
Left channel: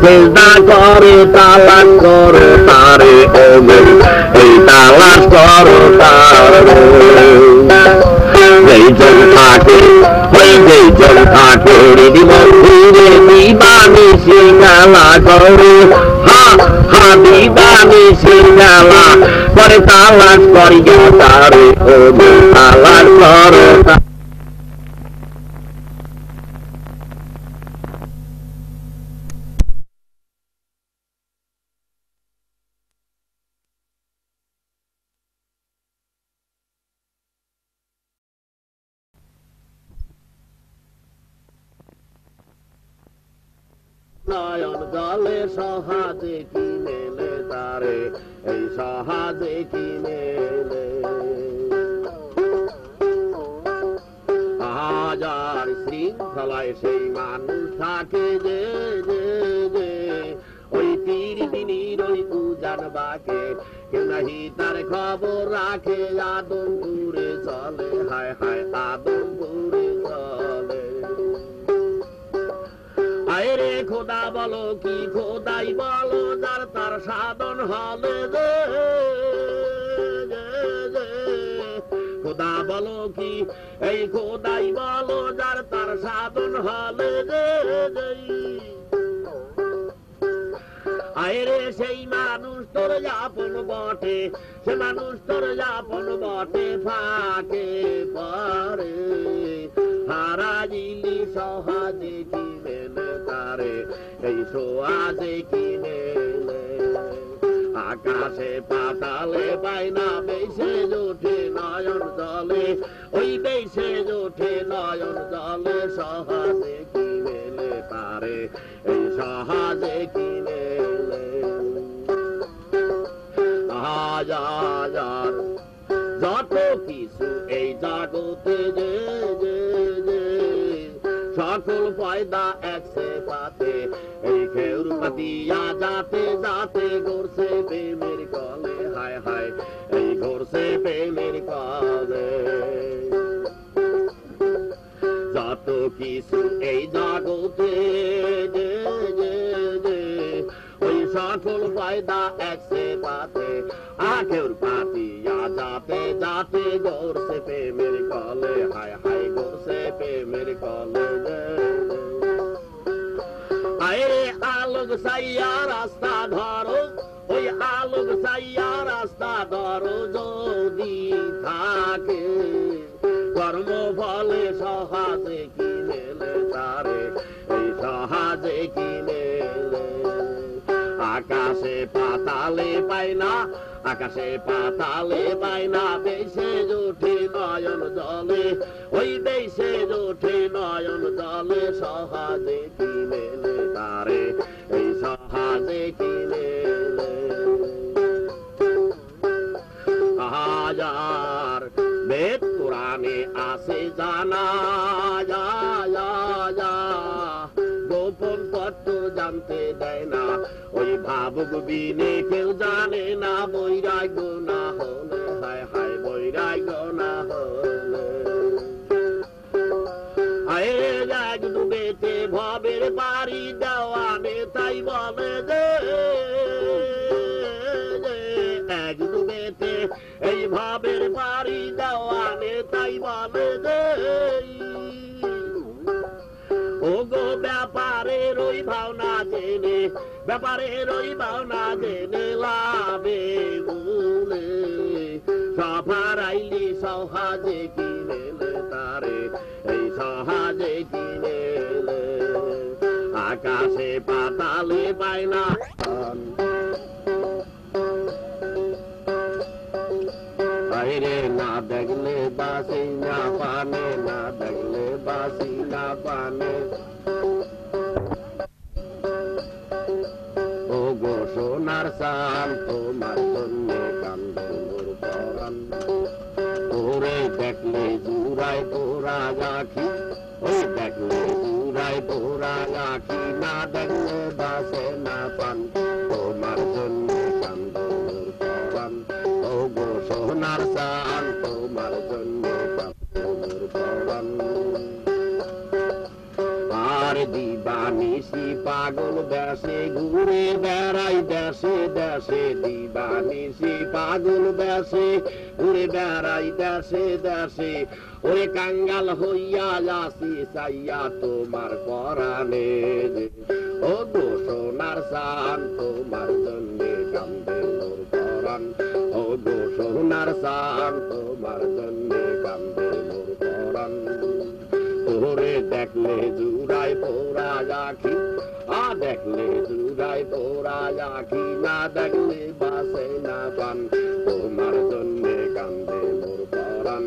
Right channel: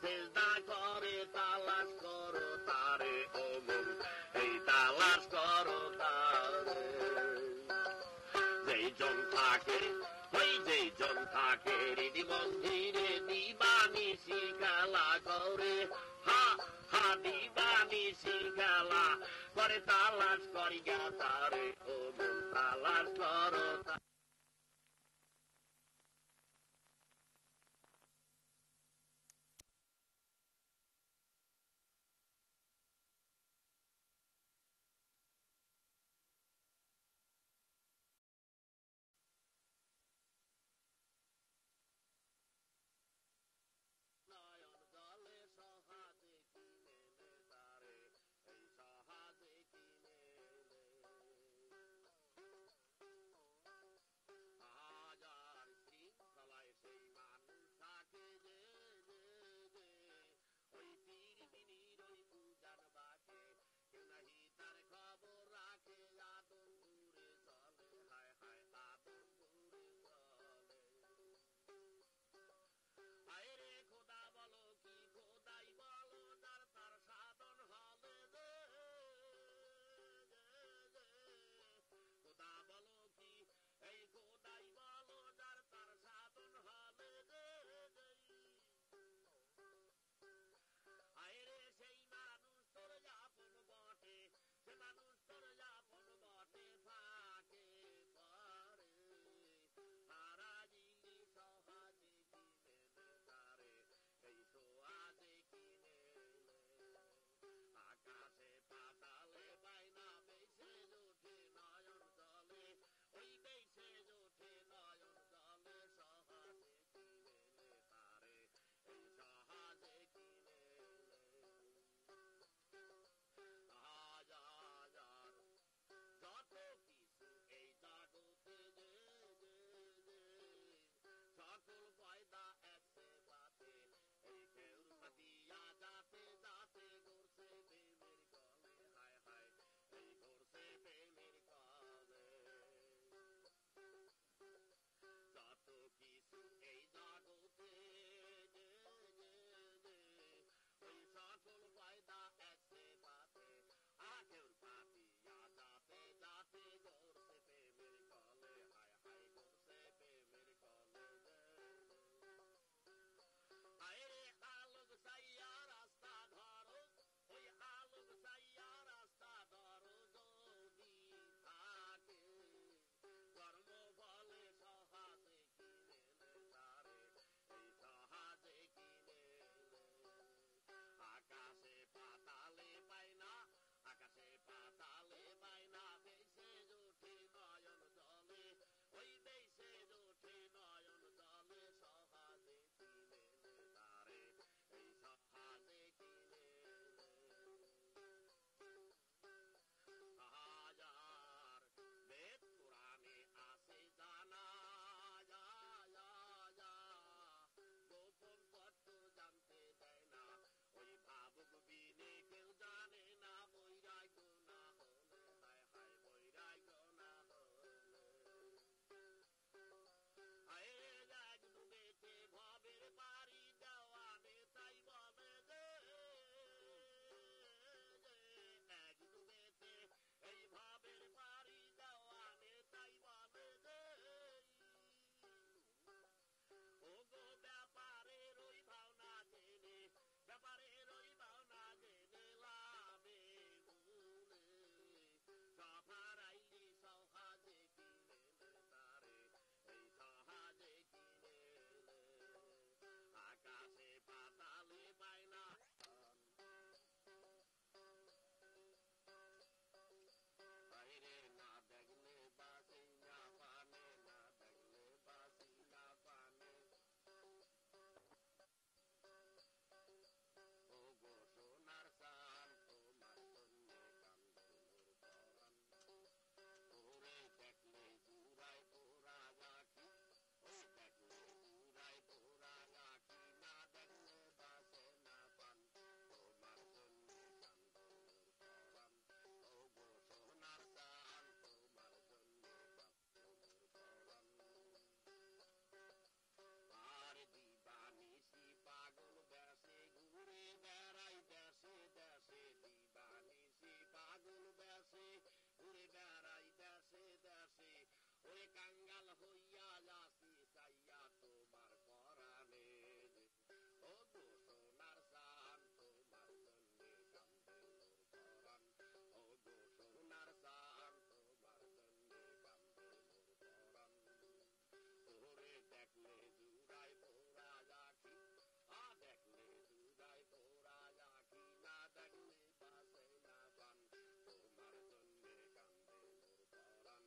সেজদা করে তালাশ করো তারে ও এই তালাশ করো তারে এই জন থাকে ওই এই জলটা করে দিব ঘুরে দিবানি সিঙ্গালা করে হা হা দিবানি সিঙ্গালা করে তালাশ করিয়া তারে ও তালাশ করে নয়ন জলে সহাজে কি মেলে তারে এই সহাজে কি মেলে হাজার শৃঙ্খলায় সেই মানুষ থাকে যে ওই তীর দিনীর ওই উজান বাকে কেউ নাহি তার খবর রাখে আদমপুরে চলে হায় হায় আদমপুরে চলে আরে খোদা বলো কি খোদাই বলো যার তার সাধন হলে খোদা বলো কি এই খোদাই বলো যার তার সাধন হলে আরে সেই মানুষ তোর আপন বটে সে মানুষ তোর আপন বটে ফাঁকে পরে হারাইলি সহজে কি মেলে তারে এই সোয়াজে কি মেলে আকাশে পাতালে পায় না বেশে ওঠে নয়ন জলে ওই বেশে ওঠে নয়ন জলে সহজে কি মেলে তারে এই সহজে কি মেলে হাজার যত কিছু এই জগতে যে সকল পয়দা একসে পাতে এই খেউর পাতিয়া যাতে যাতে ঘুরছে প্রেমের কলে হায় হায় এই ঘুরছে প্রেমের কলে যত কিছু এই জগতে ওই সকল পয়দা একসে পাতে আখের পাতিয়া যাতে যাতে ঘুরছে প্রেমের কলে হায় হায় ঘুরছে প্রেমের কলে আরে আলোক সাইয়া রাস্তা ধরো ওই আলোক সাইয়া রাস্তা ধরো যদি থাকে কর্ম ফলে সহাজে কি মেলে তারে এই সহাজে কি মেলে আকাশে পাতালে পায় না আকাশে পাতালে পায় না বেশে ওঠে নয়ন জলে ওই বেশে ওঠে নয়ন জলে সহাজে কি মেলে তারে এই সহাজে কি মেলে হাজার বেদ পুরাণে আছে জানা গোপন তত্ত্ব জানতে দেয় না ওই ভাবুক বিনে কেউ জানে না বৈরাগ্য না হলে হায় হায় বৈরাগ্য না হলে এক ডুবেতে ভবের বাড়ি দেওয়ানে তাই বলে যে এক ডুবেতে এই ভবের বাড়ি দেওয়ানে তাই বলে যে ও গো ব্যাপারের ওই ভাবনা জেনে ব্যাপারের ওই ভাবনা জেনে লাভে বলে সফারাইলি সহাজে কি মেলে তারে এই সহাজে কি মেলে আকাশে পাতালে পায় না বাইরে না দেখলে বাসি না পানে না দেখলে বাসি না পানে ও গো সোনার সান তোমার জন্য কান্দর পরান তোরে দেখলে জুড়াই তোরা গাখি ওই দেখলে জুড়াই তোরা গাখি না দেখলে বাসে না পান তোমার জন্য কান্দর পরান ও গো সোনার সান তোমার জন্য কান্দর পরান আর দিবানিসি পাগল দেশে ঘুরে বেড়াই দেশে দেশে দিবা বানিসি পাগল বেশে ঘুরে বেড়াই দেশে দেশে ওরে কাঙ্গাল হইয়া আসি চাইয়া তোমার পরাণে ও গো সোনার চান তোমার জন্যে কান্দে মোর পরাণ ও গো সোনার চান তোমার জন্যে কান্দে মোর পরাণ তোরে দেখলে জুড়াই পোড়া আখি দেখলে জুড়াই পোড়া আখি না দেখলে বাসে না পান তোমার জন্যে কান্দে মোর পরাণ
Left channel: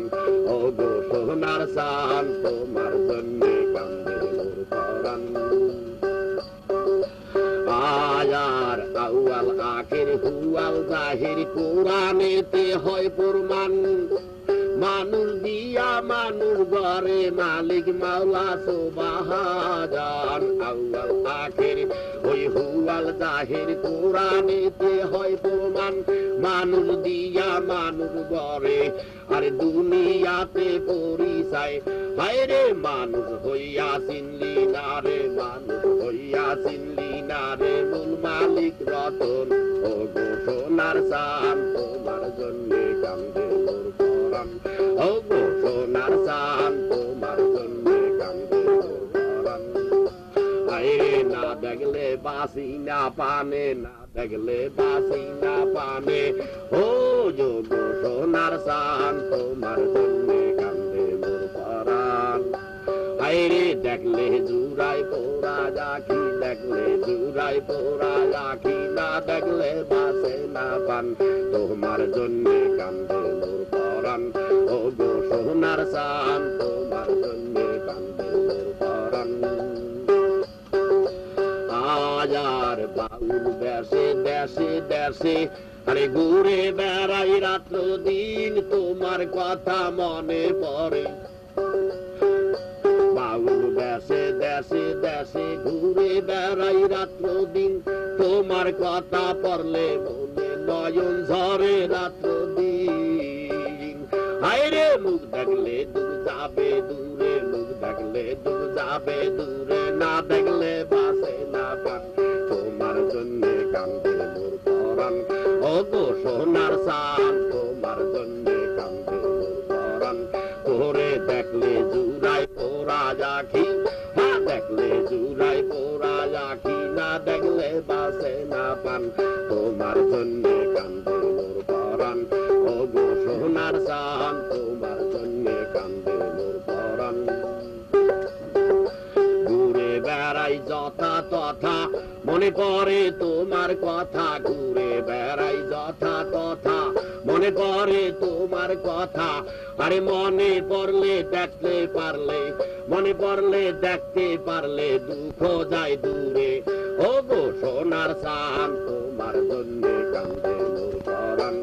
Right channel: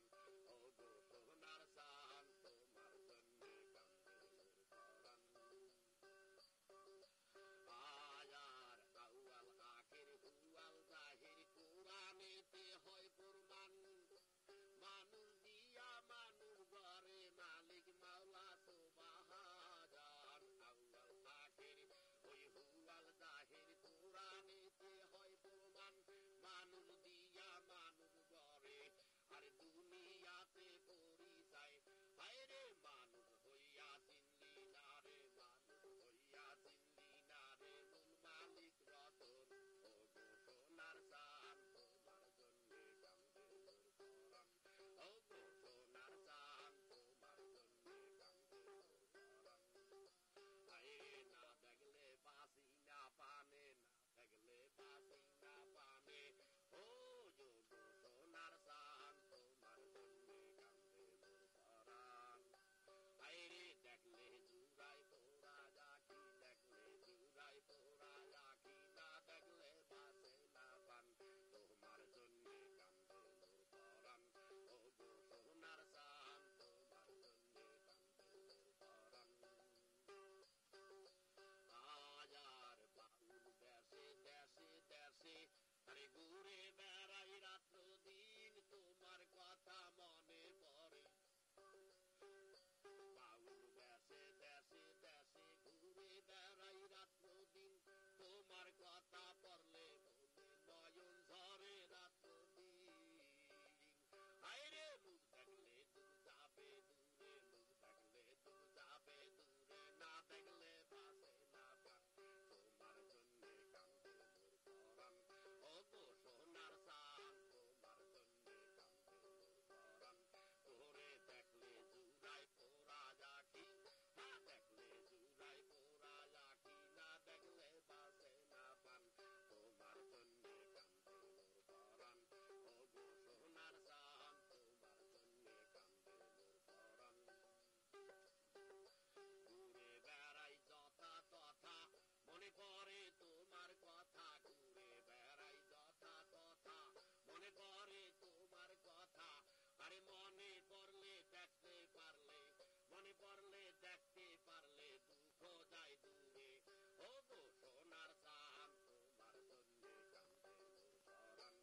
ও গো সোনার চান তোমার জন্যে কান্দে মোর পরাণ আয়ার আউয়াল আখের হুয়াল জাহির কোরআনেতে হয় প্রমাণ মানুষ দিয়া মানুষ ঘরে মালিক মাওলা সুবহান আউয়াল আখের ওই হুয়াল জাহির কোরআনেতে হয় প্রমাণ মানুষ দিয়া মানুষ ঘরে আর দুনিয়াতে পরিচয় হায় রে মানুষ হইয়া চিনলি না রে মানুষ হইয়া চিনলি না রে মূল মালিক রতন ও গো সোনার চান তোমার জন্যে কান্দে মোর পরাণ ও গো সোনার চান তোমার জন্যে কান্দে মোর পরাণ হায় রে না দেখলে বাসি না পানে না দেখলে বাসি না পানে ও গো সোনার চান তোমার জন্যে কান্দে মোর পরাণ হায় রে দেখলে জুড়াই পোড়া আখি দেখলে জুড়াই পোড়া আখি না দেখলে বাসে না পান তোমার জন্যে কান্দে মোর পরাণ ও গো সোনার চান তোমার জন্যে কান্দে মোর পরাণ আয়ার বাউল দেশে দেশে দেশে আরে ঘুরে বেড়াই রাত্র দিন তোমার কথা মনে পড়ে বাউল দেশে দেশে দেশে ঘুরে বেড়াই রাত্র দিন তোমার কথা পড়লে মনে নয়ন ঝরে রাত্র দিন হায় রে মুখ দেখলে দূর যাবে দূরে মুখ দেখলে দূর যাবে দূরে না দেখলে বাসে না পান তোমার জন্যে কান্দে মোর পরাণ ও গো সোনার চান তোমার জন্যে কান্দে মোর পরাণ তোরে দেখলে জুড়াই পোড়া আখি দেখলে জুড়াই পোড়া আখি না দেখলে বাসে না পান তোমার জন্যে কান্দে মোর পরাণ ও গো সোনার চান তোমার জন্যে কান্দে মোর পরাণ ঘুরে বেড়াই যথা তথা মনে পড়ে তোমার কথা ঘুরে বেড়াই যথা তথা মনে পড়ে তোমার কথা আরে মনে পড়লে দেখতে পারলে মনে পড়লে দেখতে পারলে দুঃখ যায় দূরে ও গো সোনার চান তোমার জন্যে কান্দে মোর পরাণ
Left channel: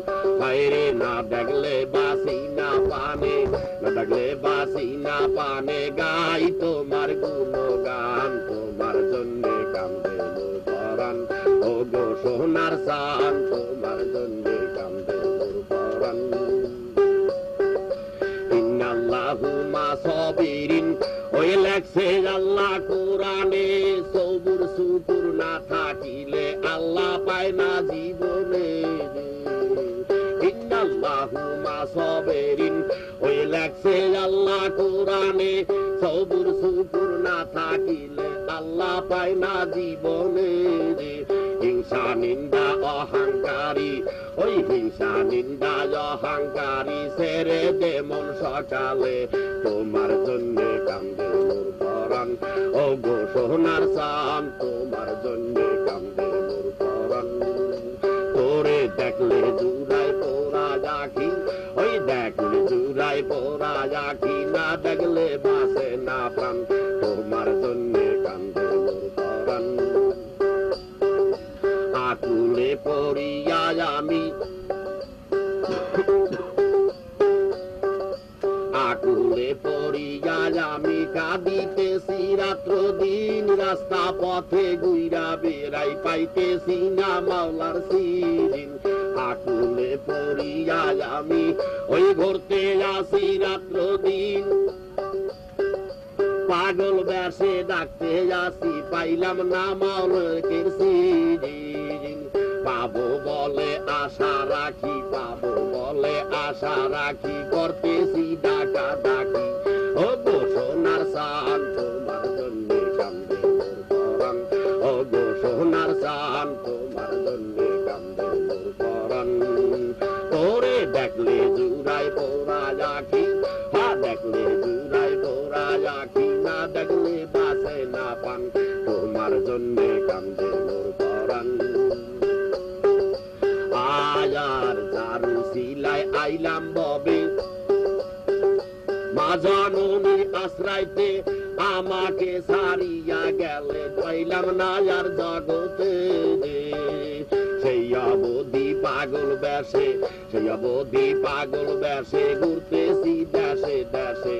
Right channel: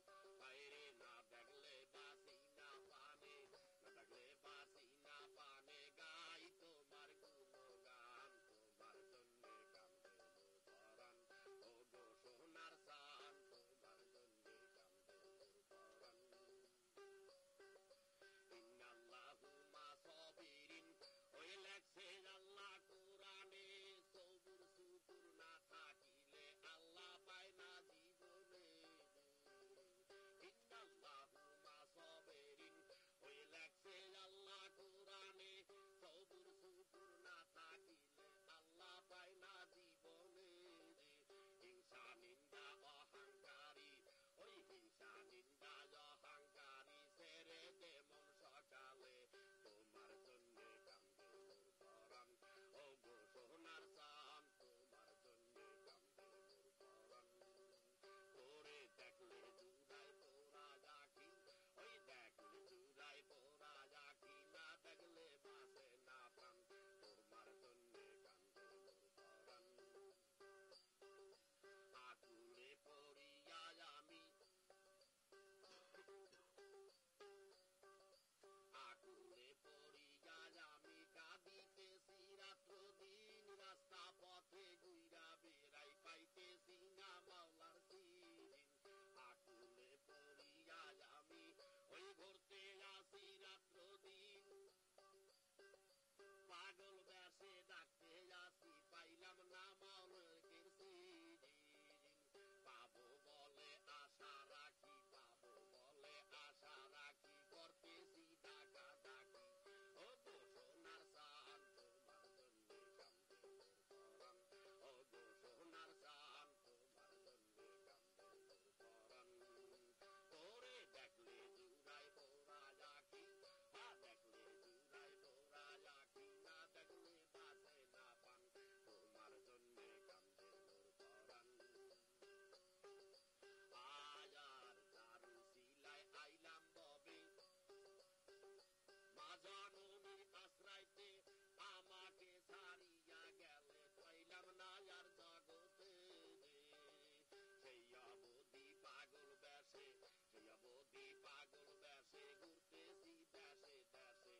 বাইরে না দেখলে বাসি না পানে না দেখলে বাসি না পানে গাই তোমার গুণগান তোমার জন্যে কান্দে মোর পরাণ ও গো সোনার চান তোমার জন্যে কান্দে মোর পরাণ ইন্নাল্লাহু মা সাবিরিন ওই লেখছে আল্লাহ কোরআনে সবুর শুকুর না থাকিলে আল্লাহ পায় না জীবনে ইন্নাল্লাহু মা সাবিরিন ওই লেখছে আল্লাহ কোরআনে সবুর শুকুর না থাকিলে আল্লাহ পায় না জীবনে হিংসা নিন্দা অহংকারী ওই হিংসা নিন্দা অহংকারী ছেড়ে দে মন সকালে তোমার জন্যে কান্দে মোর পরাণ ও গো সোনার চান তোমার জন্যে কান্দে মোর পরাণ তোরে দেখলে জুড়াই পোড়া আখি ওই দেখলে জুড়াই পোড়া আখি না দেখলে বাসে না প্রাণ তোমার জন্যে কান্দে মোর পরাণ আকুলে পড়িয়া আমি আকুলে পড়িয়া আমি কাঁদিতেছি রাত্র দিন রাস্তা পথে গুইরা বেড়াই পাইতেছি না মাওলার সিরিন আকুলে পড়িয়া আমি ওই ঘুরতে আসি রাত্র দিন পাগল বেশে ডাকতে আসি পাইলাম না মাওলার সিরিন পাবো বলে আশা রাখি, পাবো বলে আশা রাখি, করতেছি ডাকা ডাকি। ও গো সোনার চাঁদ তোমার জন্য কান্দে মোর পরাণ, ও গো সোনার চাঁদ তোমার জন্য কান্দে মোর পরাণ। তোরে দেখলে জুড়াই পোড়া আখি, হা দেখলে জুড়াই পোড়া আখি, না দেখলে বাসে না পান, তোমার জন্য কান্দে মোর পরাণ। আয়ার ঝাড়ু সিলাই আইলাম ববে, মা জননী আশ্রাইতে আমাকে সারিয়া গেলে, পাইলাম না আর জগতে। সেই অবধি পাগল বেশে, সেই অবধি পাগল বেশে, ঘুরতেছি দেশে দেশে।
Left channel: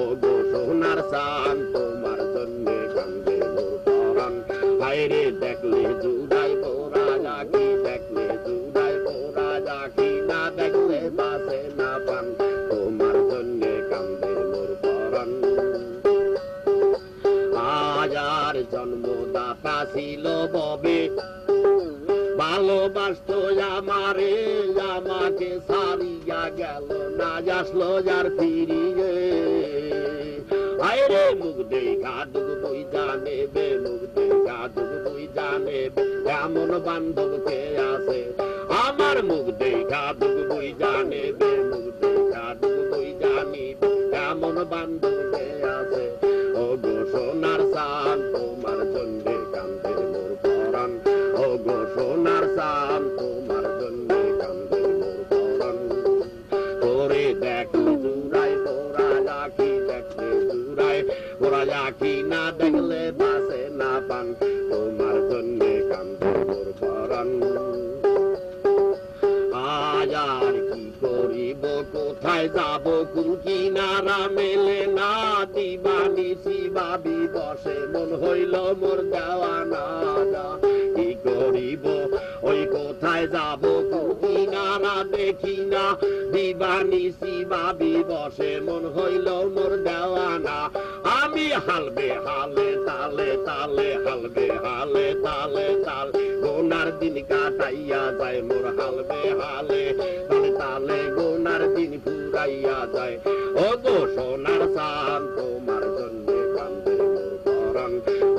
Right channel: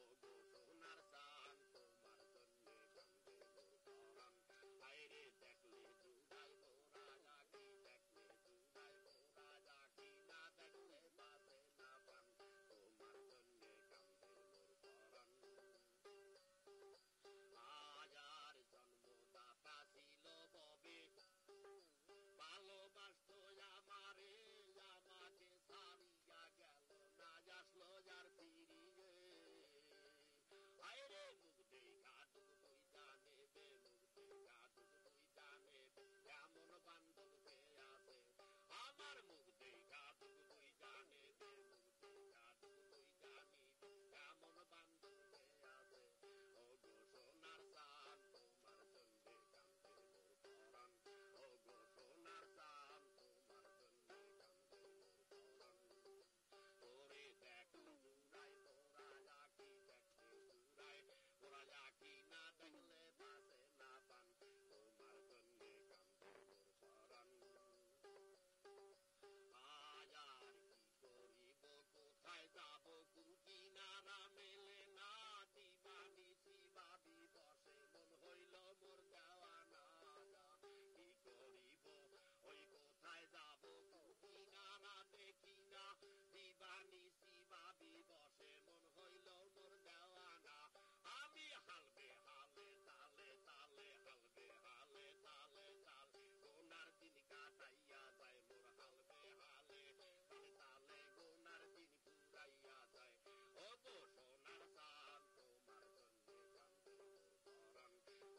ও গো সোনার চাঁদ তোমার জন্য কান্দে মোর পরাণ, হায়রে দেখলে জুড়াই পোড়া আখি, দেখলে জুড়াই পোড়া আখি, না দেখলে বাসে না পান, তোমার জন্য কান্দে মোর পরাণ। আয়ার জন্মদাতা ছিল ববে, ভালোবাসতো আমারে, আমাকে সারিয়া গেল, না আসলো যার ফিরিয়ে। আরে মুখ দেখা দুগ বই জানে বে, মুখ দেখা দুগ বই জানে বে, এমন বান্ধব কে আছে আমার। মুখ দেখা দুগ বই জানে বে, মুখ দেখা দুগ বই জানি, এমন বান্ধব কে আছে। ও গো সোনার চাঁদ তোমার জন্য কান্দে মোর পরাণ, ও গো সোনার চাঁদ তোমার জন্য কান্দে মোর পরাণ। তোরে দেখলে জুড়াই পোড়া আখি, দেখলে জুড়াই পোড়া আখি, না দেখলে বাসে না পান, তোমার জন্য কান্দে মোর পরাণ। আয়ার কি করিব কোথায় যাব, কুল কিনারা মেলে না, দিবানিশি ভাবি বসে, মন হইল মোর দেওয়ানা। কি করিব ওই কোথায় যাব, কুল কিনারা দেখি না, দিবানিশি ভাবি বসে, মন হইল মোর দেওয়ানা। আমি হালবে হালে তালে তালে, হালবে হালে তালে তাল, গোনার দিন কাটাইয়া যায় মোর হালবে হালে তালে তালে, গোনার দিন ফুরাইয়া যায়। ও গো সোনার চাঁদ তোমার জন্য কান্দে মোর পরাণ,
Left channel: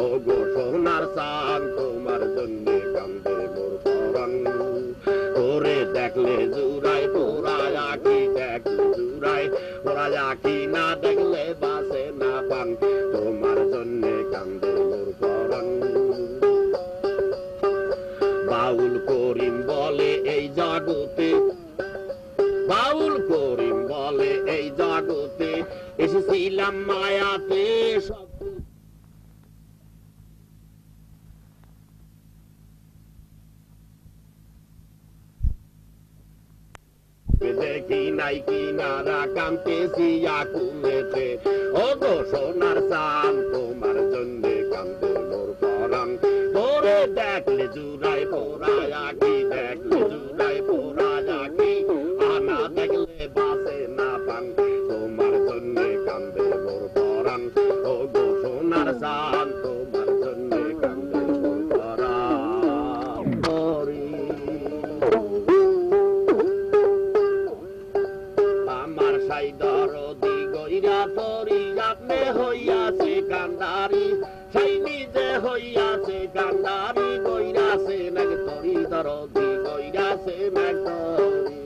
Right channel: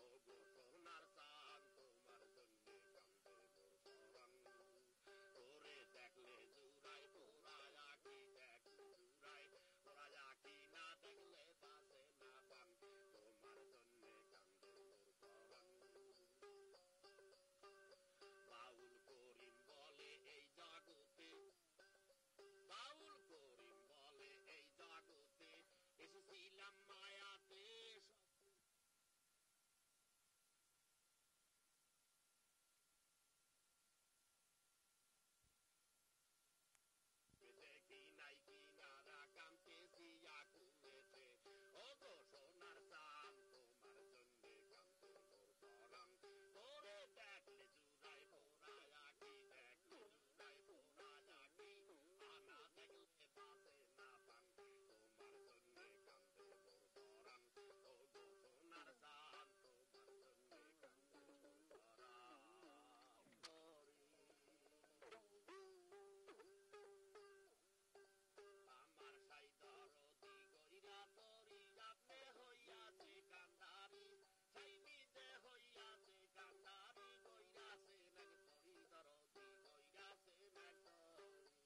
ও গো সোনার চাঁদ তোমার জন্য কান্দে মোর পরাণ। ওরে দেখলে জুড়াই পোড়া আখি, দেখলে জুড়াই পোড়া আখি, না দেখলে বাসে না পান, তোমার জন্য কান্দে মোর পরাণ। বাউল করিম বলে এই জগতে, বাউল করিম বলে এই জগতে, এসেছিলাম মায়াতে সব দেখি নাই কিনারা, কান্তেছি আকুলেতে। ও গো সোনার চাঁদ তোমার জন্য কান্দে মোর পরাণ, তোরে দেখলে জুড়াই পোড়া আখি, দেখলে জুড়াই পোড়া আখি, আনা দেখলে বাসে না পান, তোমার জন্য কান্দে মোর পরাণ। ও গো সোনার চাঁদ তোমার জন্য কান্দে মোর পরাণ। আমার সাই দরদি গইরা তরি, আপনি হইয়াছে কান্দারি, সাই নিজে হইয়াছে কান্দারি, গইরাছে নাক তরি, দরদি গইরাছে নাক তরি।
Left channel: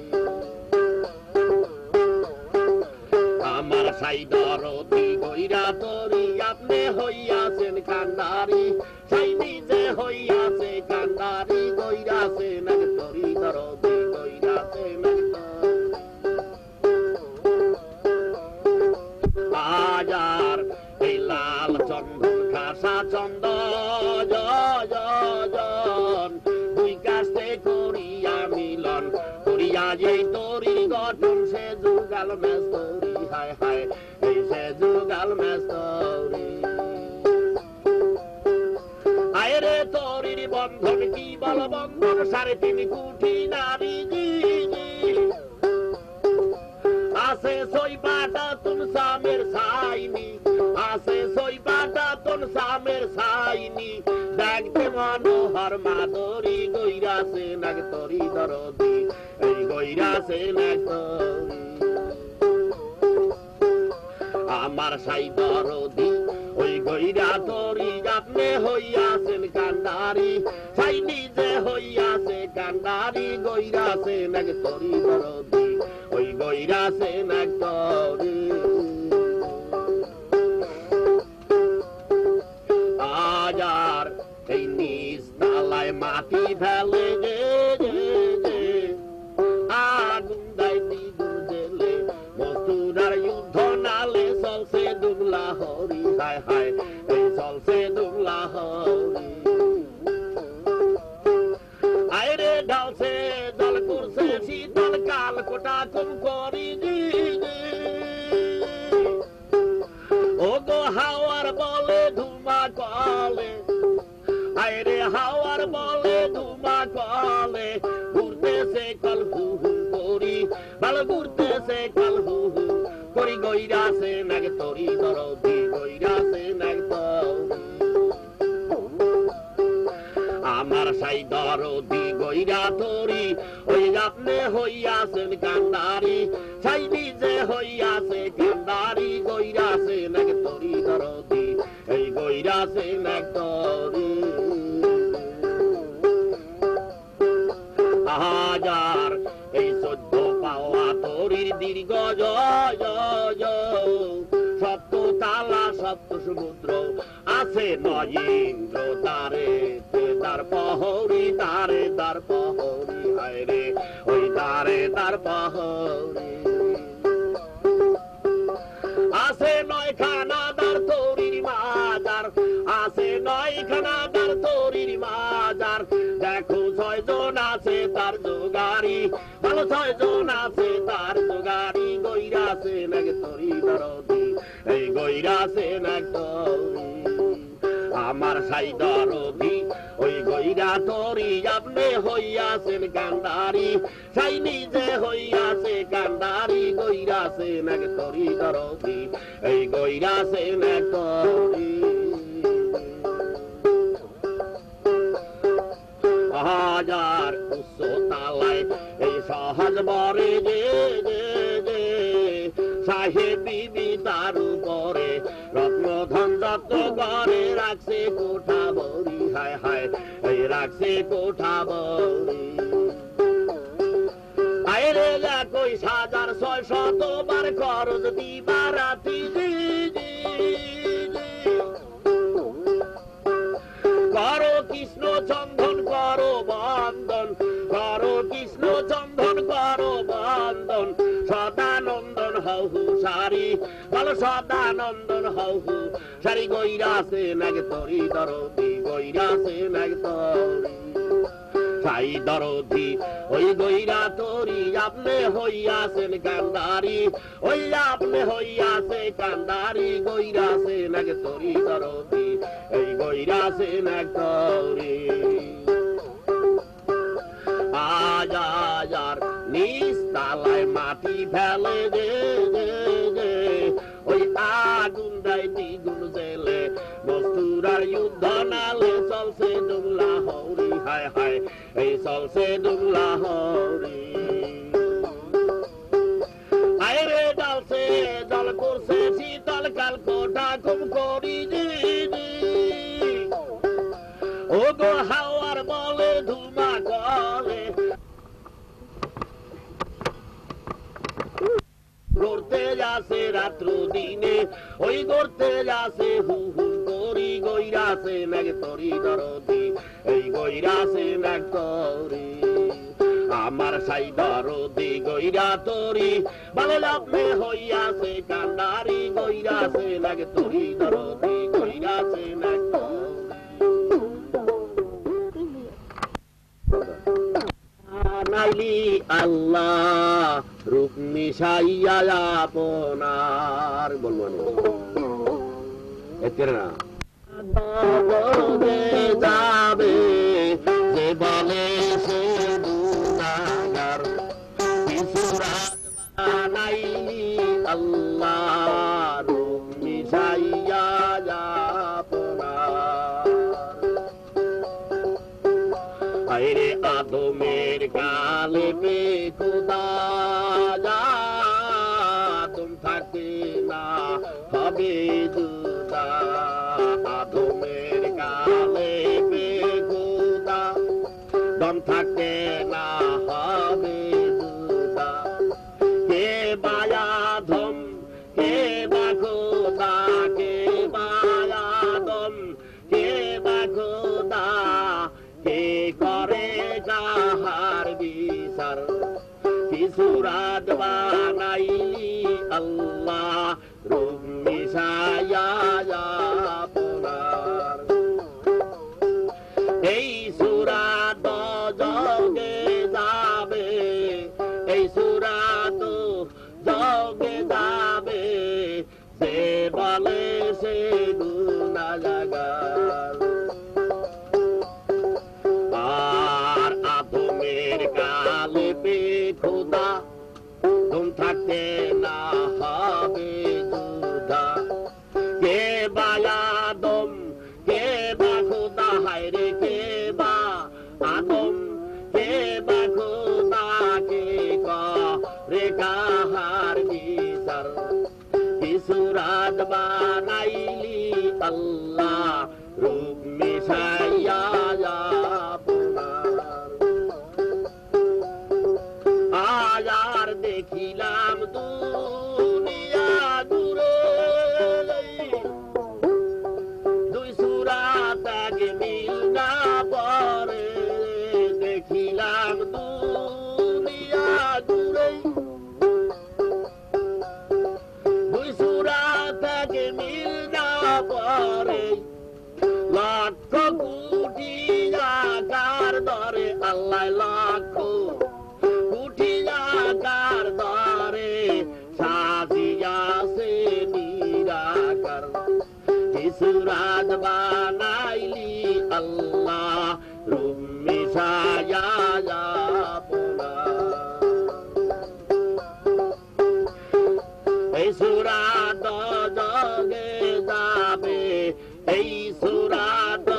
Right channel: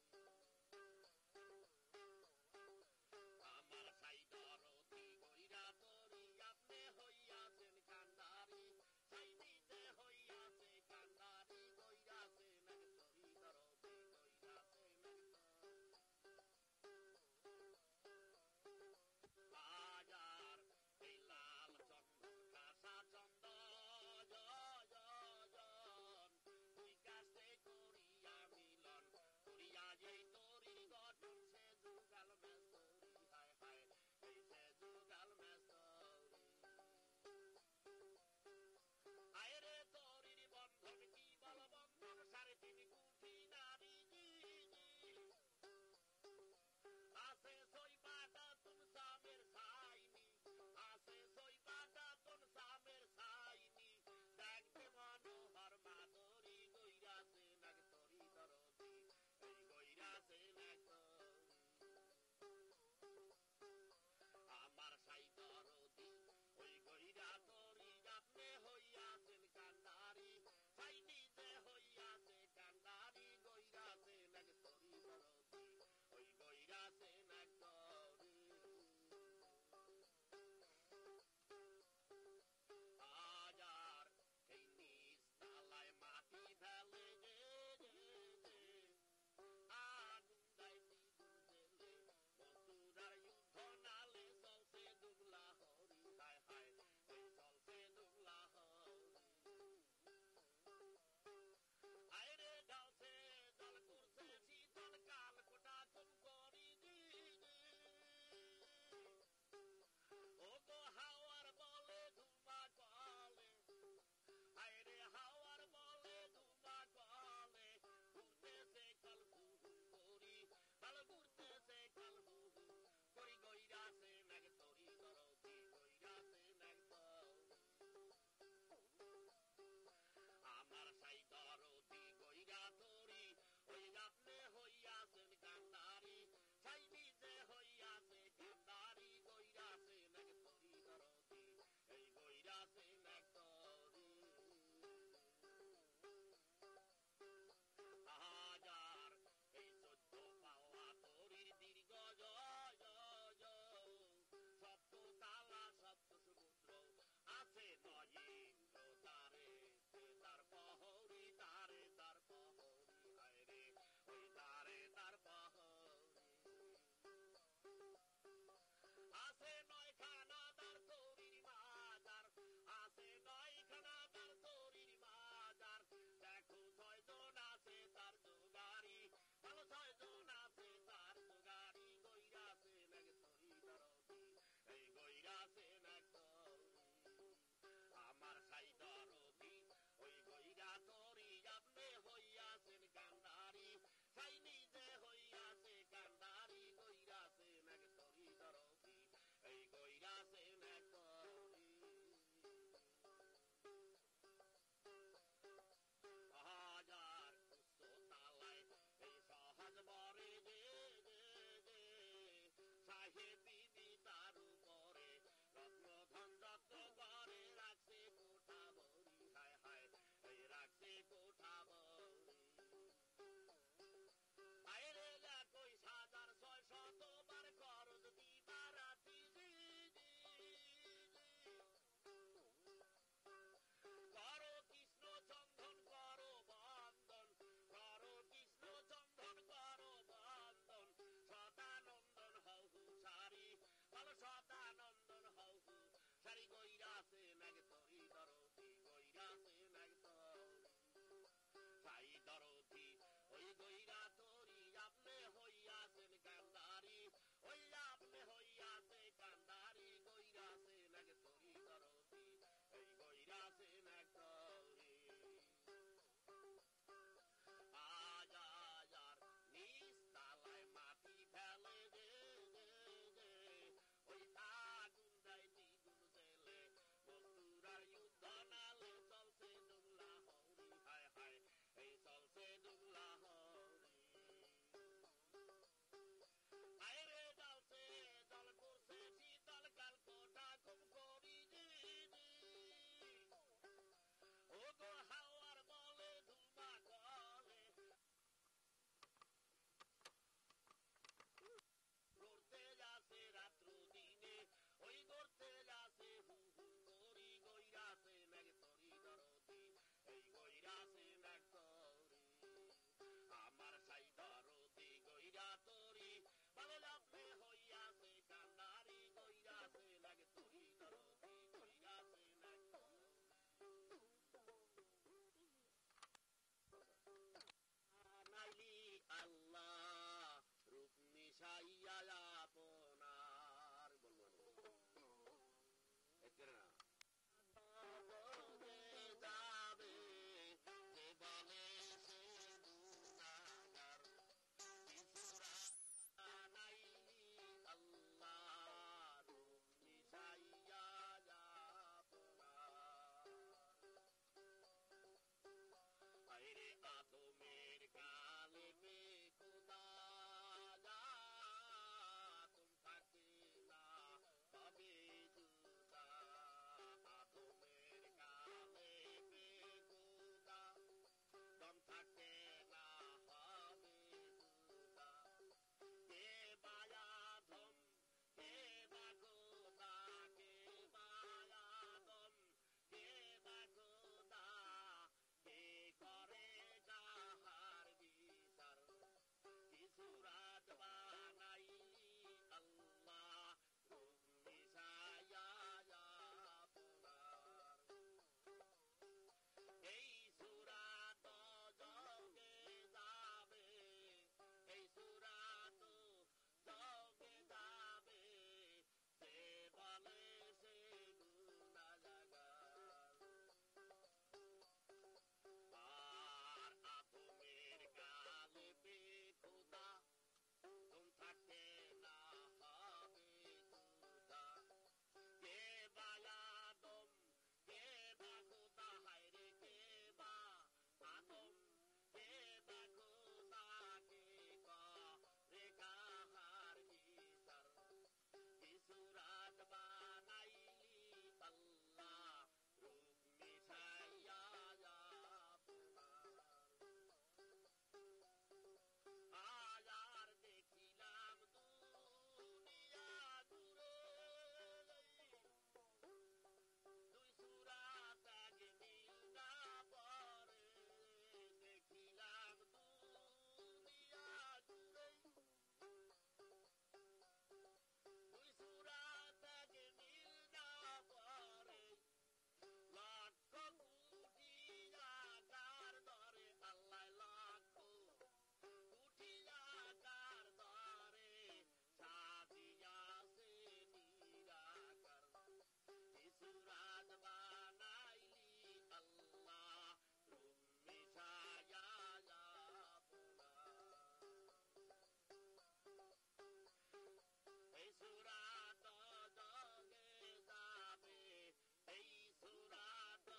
আমার সাই দরদি গইরা তরি, আপনি হইয়াছেন কান্দারি, সাই নিজে হইয়াছে কান্দারি, গইরাছে নাক তরি, দরদি গইরাছে নাক তরি। আয়ার এই লাল চন্দন খাসা চন্দন, দুই কাছে করিয়া মিলন, করিয়া যেই তরির গঠন, সে যুগাল মেস্তরি, হায় হায় এই সে যুগাল মেস্তরি। আয়রে তরির বন্ধন কি বল বন্ধন, 3.5 কোটি নারী আছে সই বাটা তুম সামের সাইনি, আছে সইবাটা তোর সামের সাইনি দেখতে মনোহর মাধুরী গইরাছে নাক তরি দরদি এই গইরাছে নাক তরি আমার সাই দরদি ওই গইরা তরি আপনি হইয়াছেন কান্ডারি সাই নিজে হইয়াছে কান্ডারি গইরাছে নাক তরি দরদি ওই গইরাছে নাক তরি আজার এই নিজ তালায় মাটি ফেলে যে আগুন দেয় দ্বিগুণ জেলে মস্তুরার যুদ্ধ নালে চলছে দুবলা হরি হায় হায় এই চলছে দুবলা হরি আইরে ঢালছে জল করছে শীতল কাল কোটা কম করি ও গো হাওয়ার বলে ধুমা কলে আইরে হাওয়ার বলে ধুমা কলে ঘুরতেছে কল হু হু করি ভালো ঘুরতেছে কল হু হু করি গইরাছে নাগ তরি দরদি গইরাছে নাগ তরি আমার সাই দরদি গইরা তরি ওই আপনি হইয়াছেন কান্ডারি সাই নিজে হইয়াছে কান্ডারি গইরাছে নাগ তরি দরদি এই গইরাছে নাগ তরি হাজার এই 14 পাওয়া তরির দীর্ঘ জয় সপ্ত তালা সপ্ত সমুদ্র আছে 9 ইন্দ্র তারে তার প্রহরী তারে তার প্রহরী হায় রে ওই তারে তার প্রহরী আছে 9 খানাদার তরির মাজার আছে 9 খানাদার তরির মাজার দেখো 6 জন আছে তার জোগাড়ি ভালো 6 জন আছে তার জোগাড়ি গইরাছে নাগ তরি দরদি এই গইরাছে নাগ তরি আমার সাই দরদি ওই গইরা তরি আপনি হইয়াছেন কান্ডারি সাই নিজে হইয়াছে কান্ডারি গইরাছে নাগ তরি দরদি এই গইরাছে নাগ তরি হাজার উচ্চ তালায় এই সহজ বরে যে সাহেব বিবি তার উপরে রত্নধন যত ঘরে রাখছে কোঠা বরি হায় হায় এই রাখছে কোঠা বরি আইরে 21,600 বার খরচ দিবা রাতি করো কৃষ্ণ চন্দন করো বন্দন করো কৃষ্ণ চন্দন করো বন্দন সদানন্দন হহু সারি বলো সদানন্দন হহু সারি গইরাছে নাগ তরি দরদি গইরাছে নাগ তরি সাই দরদি ওই গইরা তরি আপনি হইয়াছেন কান্ডারি ওই আপনি হইয়াছে কান্ডারি গইরাছে নাগ তরি দরদি এই গইরাছে নাগ তরি আজার নিজ তালায় মাটি ফেলে যে ওই আগুন দেয় দ্বিগুণ জেলে মস্তুরার যুদ্ধ নালে চলছে দুবলা হরি হায় হায় এই চলছে দুবলা হরি আইরে ডালছে জল করছে শীতল কাল কোটা কম করি ও গো হাওয়ার বলে ধুমা কলে গড়তে যাচ্ছে রাত্র দিনে ওই গড়তে যাচ্ছে হু হু করি গইরাছে নাগ তরি দরদি এই গইরাছে নাগ তরি আমার সাই দরদি গইরা তরি বলে আপনি হইয়াছে কান্ডারি গইরাছে নাগ তরি দরদি গইরাছে নাগ নাইলি আল্লাহ রূপ মিশাইয়া আপনার বলবো এতে না যাবে যে বলে সে গুনাহগার নাইলি আল্লাহ রূপ মিশাইয়া কালেবে খুদা তুম থাকতে না হবে জুদা আদমের কালেবে খুদা দম থাকতে না হবে জুদা কে বায়াধম কে বা খুদা কে বায়াদম কে বা খুদা কে করে কাহার বিচার কিছু রাত বানাইলি আল্লাহ রূপ মিশায়া আপনার এই সুরাত জগে যাবে এই সুরাত জগে যাবে সে বলে সে গুনাহগার আর আদমের কালেবে খুদা তুম থাকতে না হবে জুদা কে বা আদম কে বা খুদা হায়রে কে বা আদম কে বা খুদা কে করে কাহার বিচার কিছু রাত বানাইলি আল্লাহ রূপ মিশাইয়া আপনার আয়ার দেখিলাম দুনিয়া দূরে দুই সুরাত আগে মিল না পরে দেখিলাম দুনিয়া দূরে দুই সুরাত আগে মিল না পরে লক্ষ কোটি আকার ধরে আল্লাহ লক্ষ কোটি আকার ধরে সাজিয়াছে নিরাকার কিছু রাত বানাইলি আল্লাহ রূপ মিশায়া আপনার এই সুরাত জগে যাবে এই সুরাত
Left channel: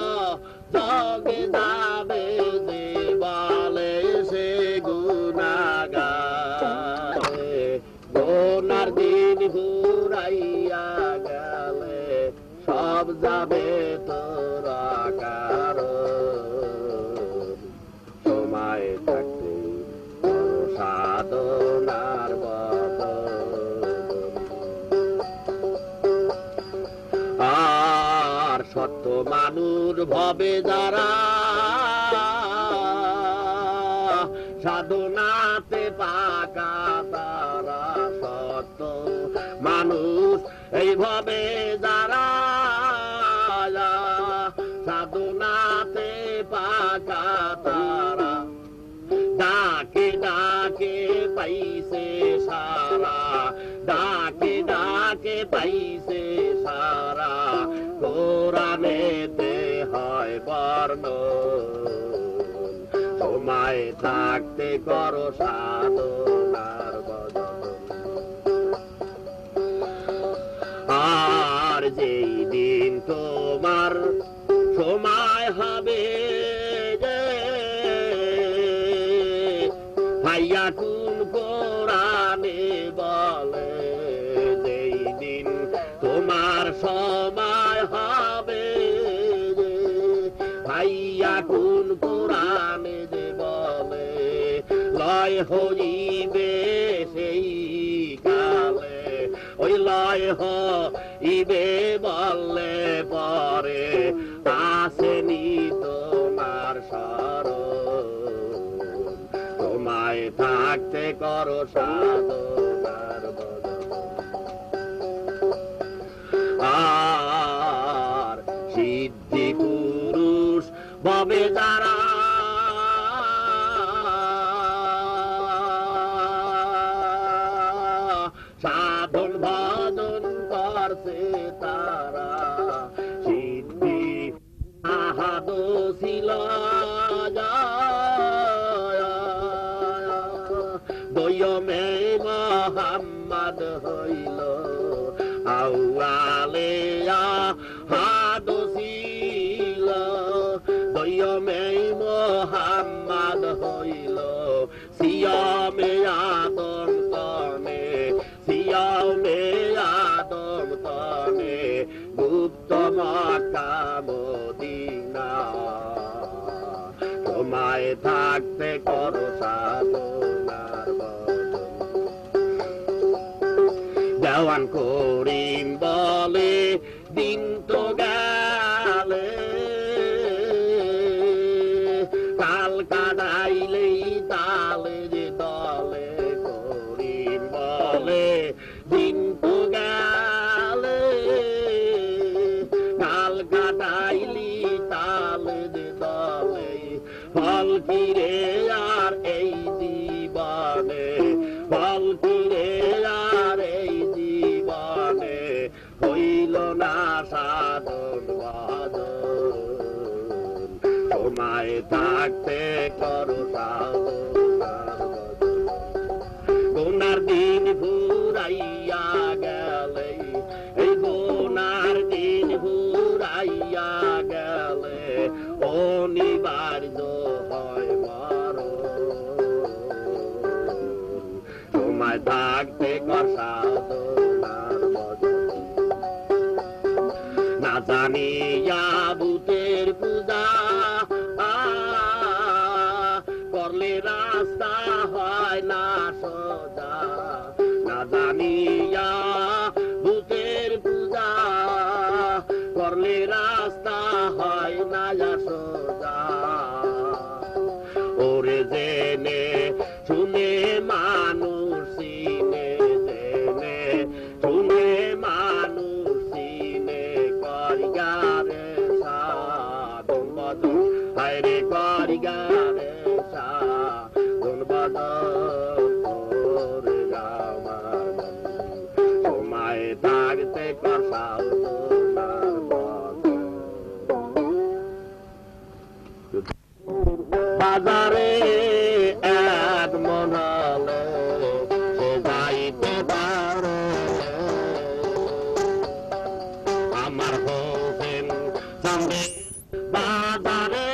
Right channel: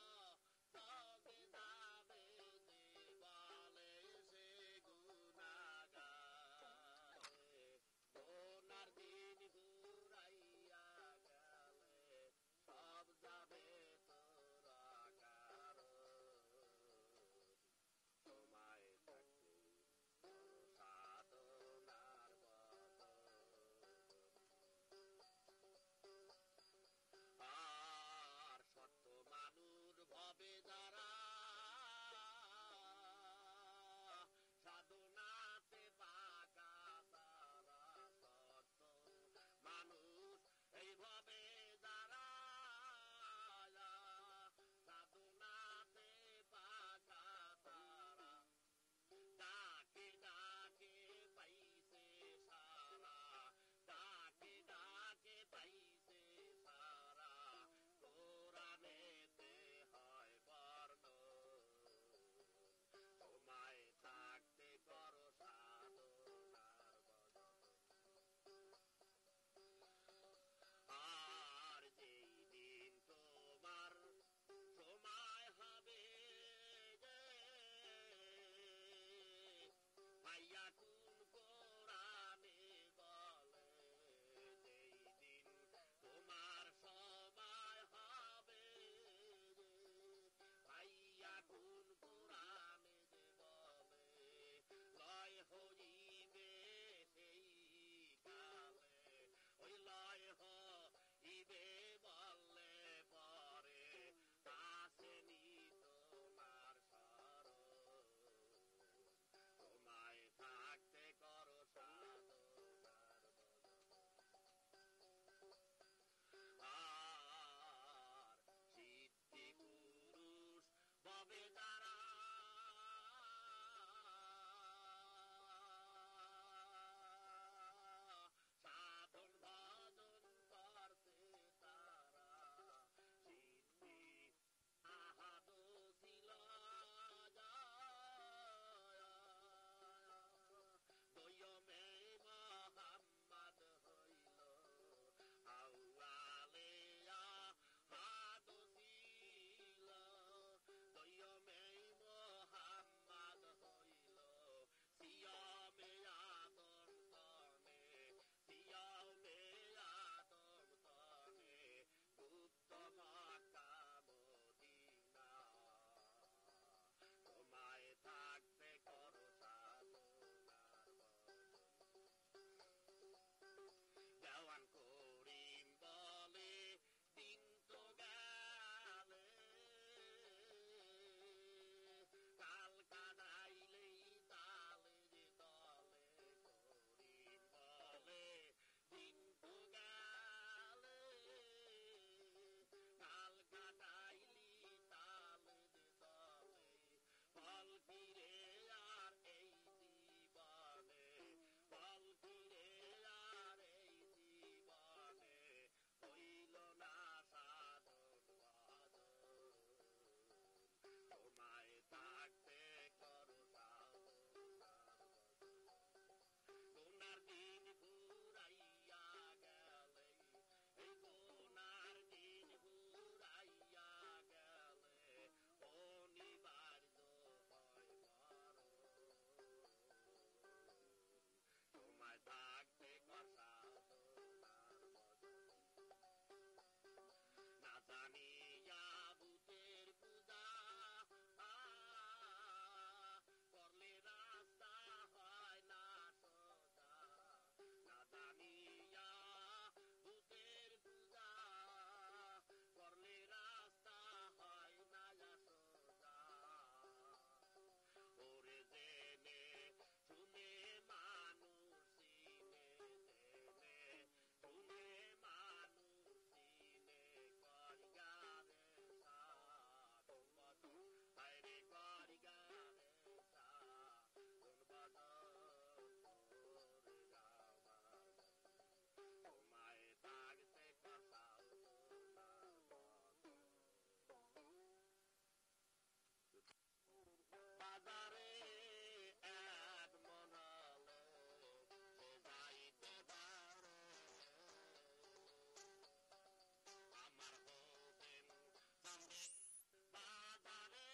জগে যাবে যে বলে সে গুনাহগার গুনার দিন ঘুরাইয়া গেলে সব যাবে তোরা কারণ সময় থাকতে সাধনার আর সত্য মানুষ ভবে যারা সাধনাতে পাকা তারা সত্য মানুষ এইভাবে যারা সাধনাতে পাকা তারা ডাকে ডাকে পাইছে সারা ডাকে ডাকে পাইছে সারা কোরআনেতে হয় বর্ণ সময় থাকতে করো সাধনার বদন আর যেই দিন তোমার সময় হবে যে ভাইয়া কোন কোরআনে বলে যেই দিন তোমার সময় হবে যে ভাইয়া কোন কোরআনে যে বলে লয় হইবে সেই কালে ওই লয় হইবে বললে পরে আসেনি তোমার স্মরণ তোমায় থাকতে করো সাধনার বদন আর সিদ্ধি পুরুষ ভবে যারা সাধন ভজন করছে তারা সিদ্ধি আহাদ ছিল দয়মে মোহাম্মদ হইল আউয়ালে আহাদ ছিল দয়মে মোহাম্মদ হইল আদম তনে সিয়াও মে আদম তনে গুপ্ত মক্কা মদিনা তোমায় থাকতে করো সাধনার বদন দেওয়ান করিম বলে দিন তো গেলে কাল কাটাইলেই তালে যে দলে করিম বলে দিন তো গেলে কাল কাটাইলি তালে যে দলে ফল কিরে আর এই জীবনে ফল কিরে আর এই জীবনে হইল না সাধন বাদন তোমায় থাকতে করো সাধনার বদন গুনার দিন ফুরাইয়া গেলে এই গুনার দিন ফুরাইয়া গেলে অনিবার্য হয় মরণ তোমায় থাকতে কর সাধনার বদন না জানিয়া ভূতের পূজা করলে রাস্তা হয় না সোজা না জানিয়া ভূতের পূজা করলে রাস্তা হয় না সোজা ওরে জেনে শুনে মানুষ চিনে জেনে শুনে মানুষ চিনে করিগারে সাধন বদন হায়রে করিগারে সাধন বদন ওরে আমার তোমায় থাকতে কর সাধনার বদন বাজারে এক মন হলে সে যাইতে পারে আমার হোসেন সামনে বাজারে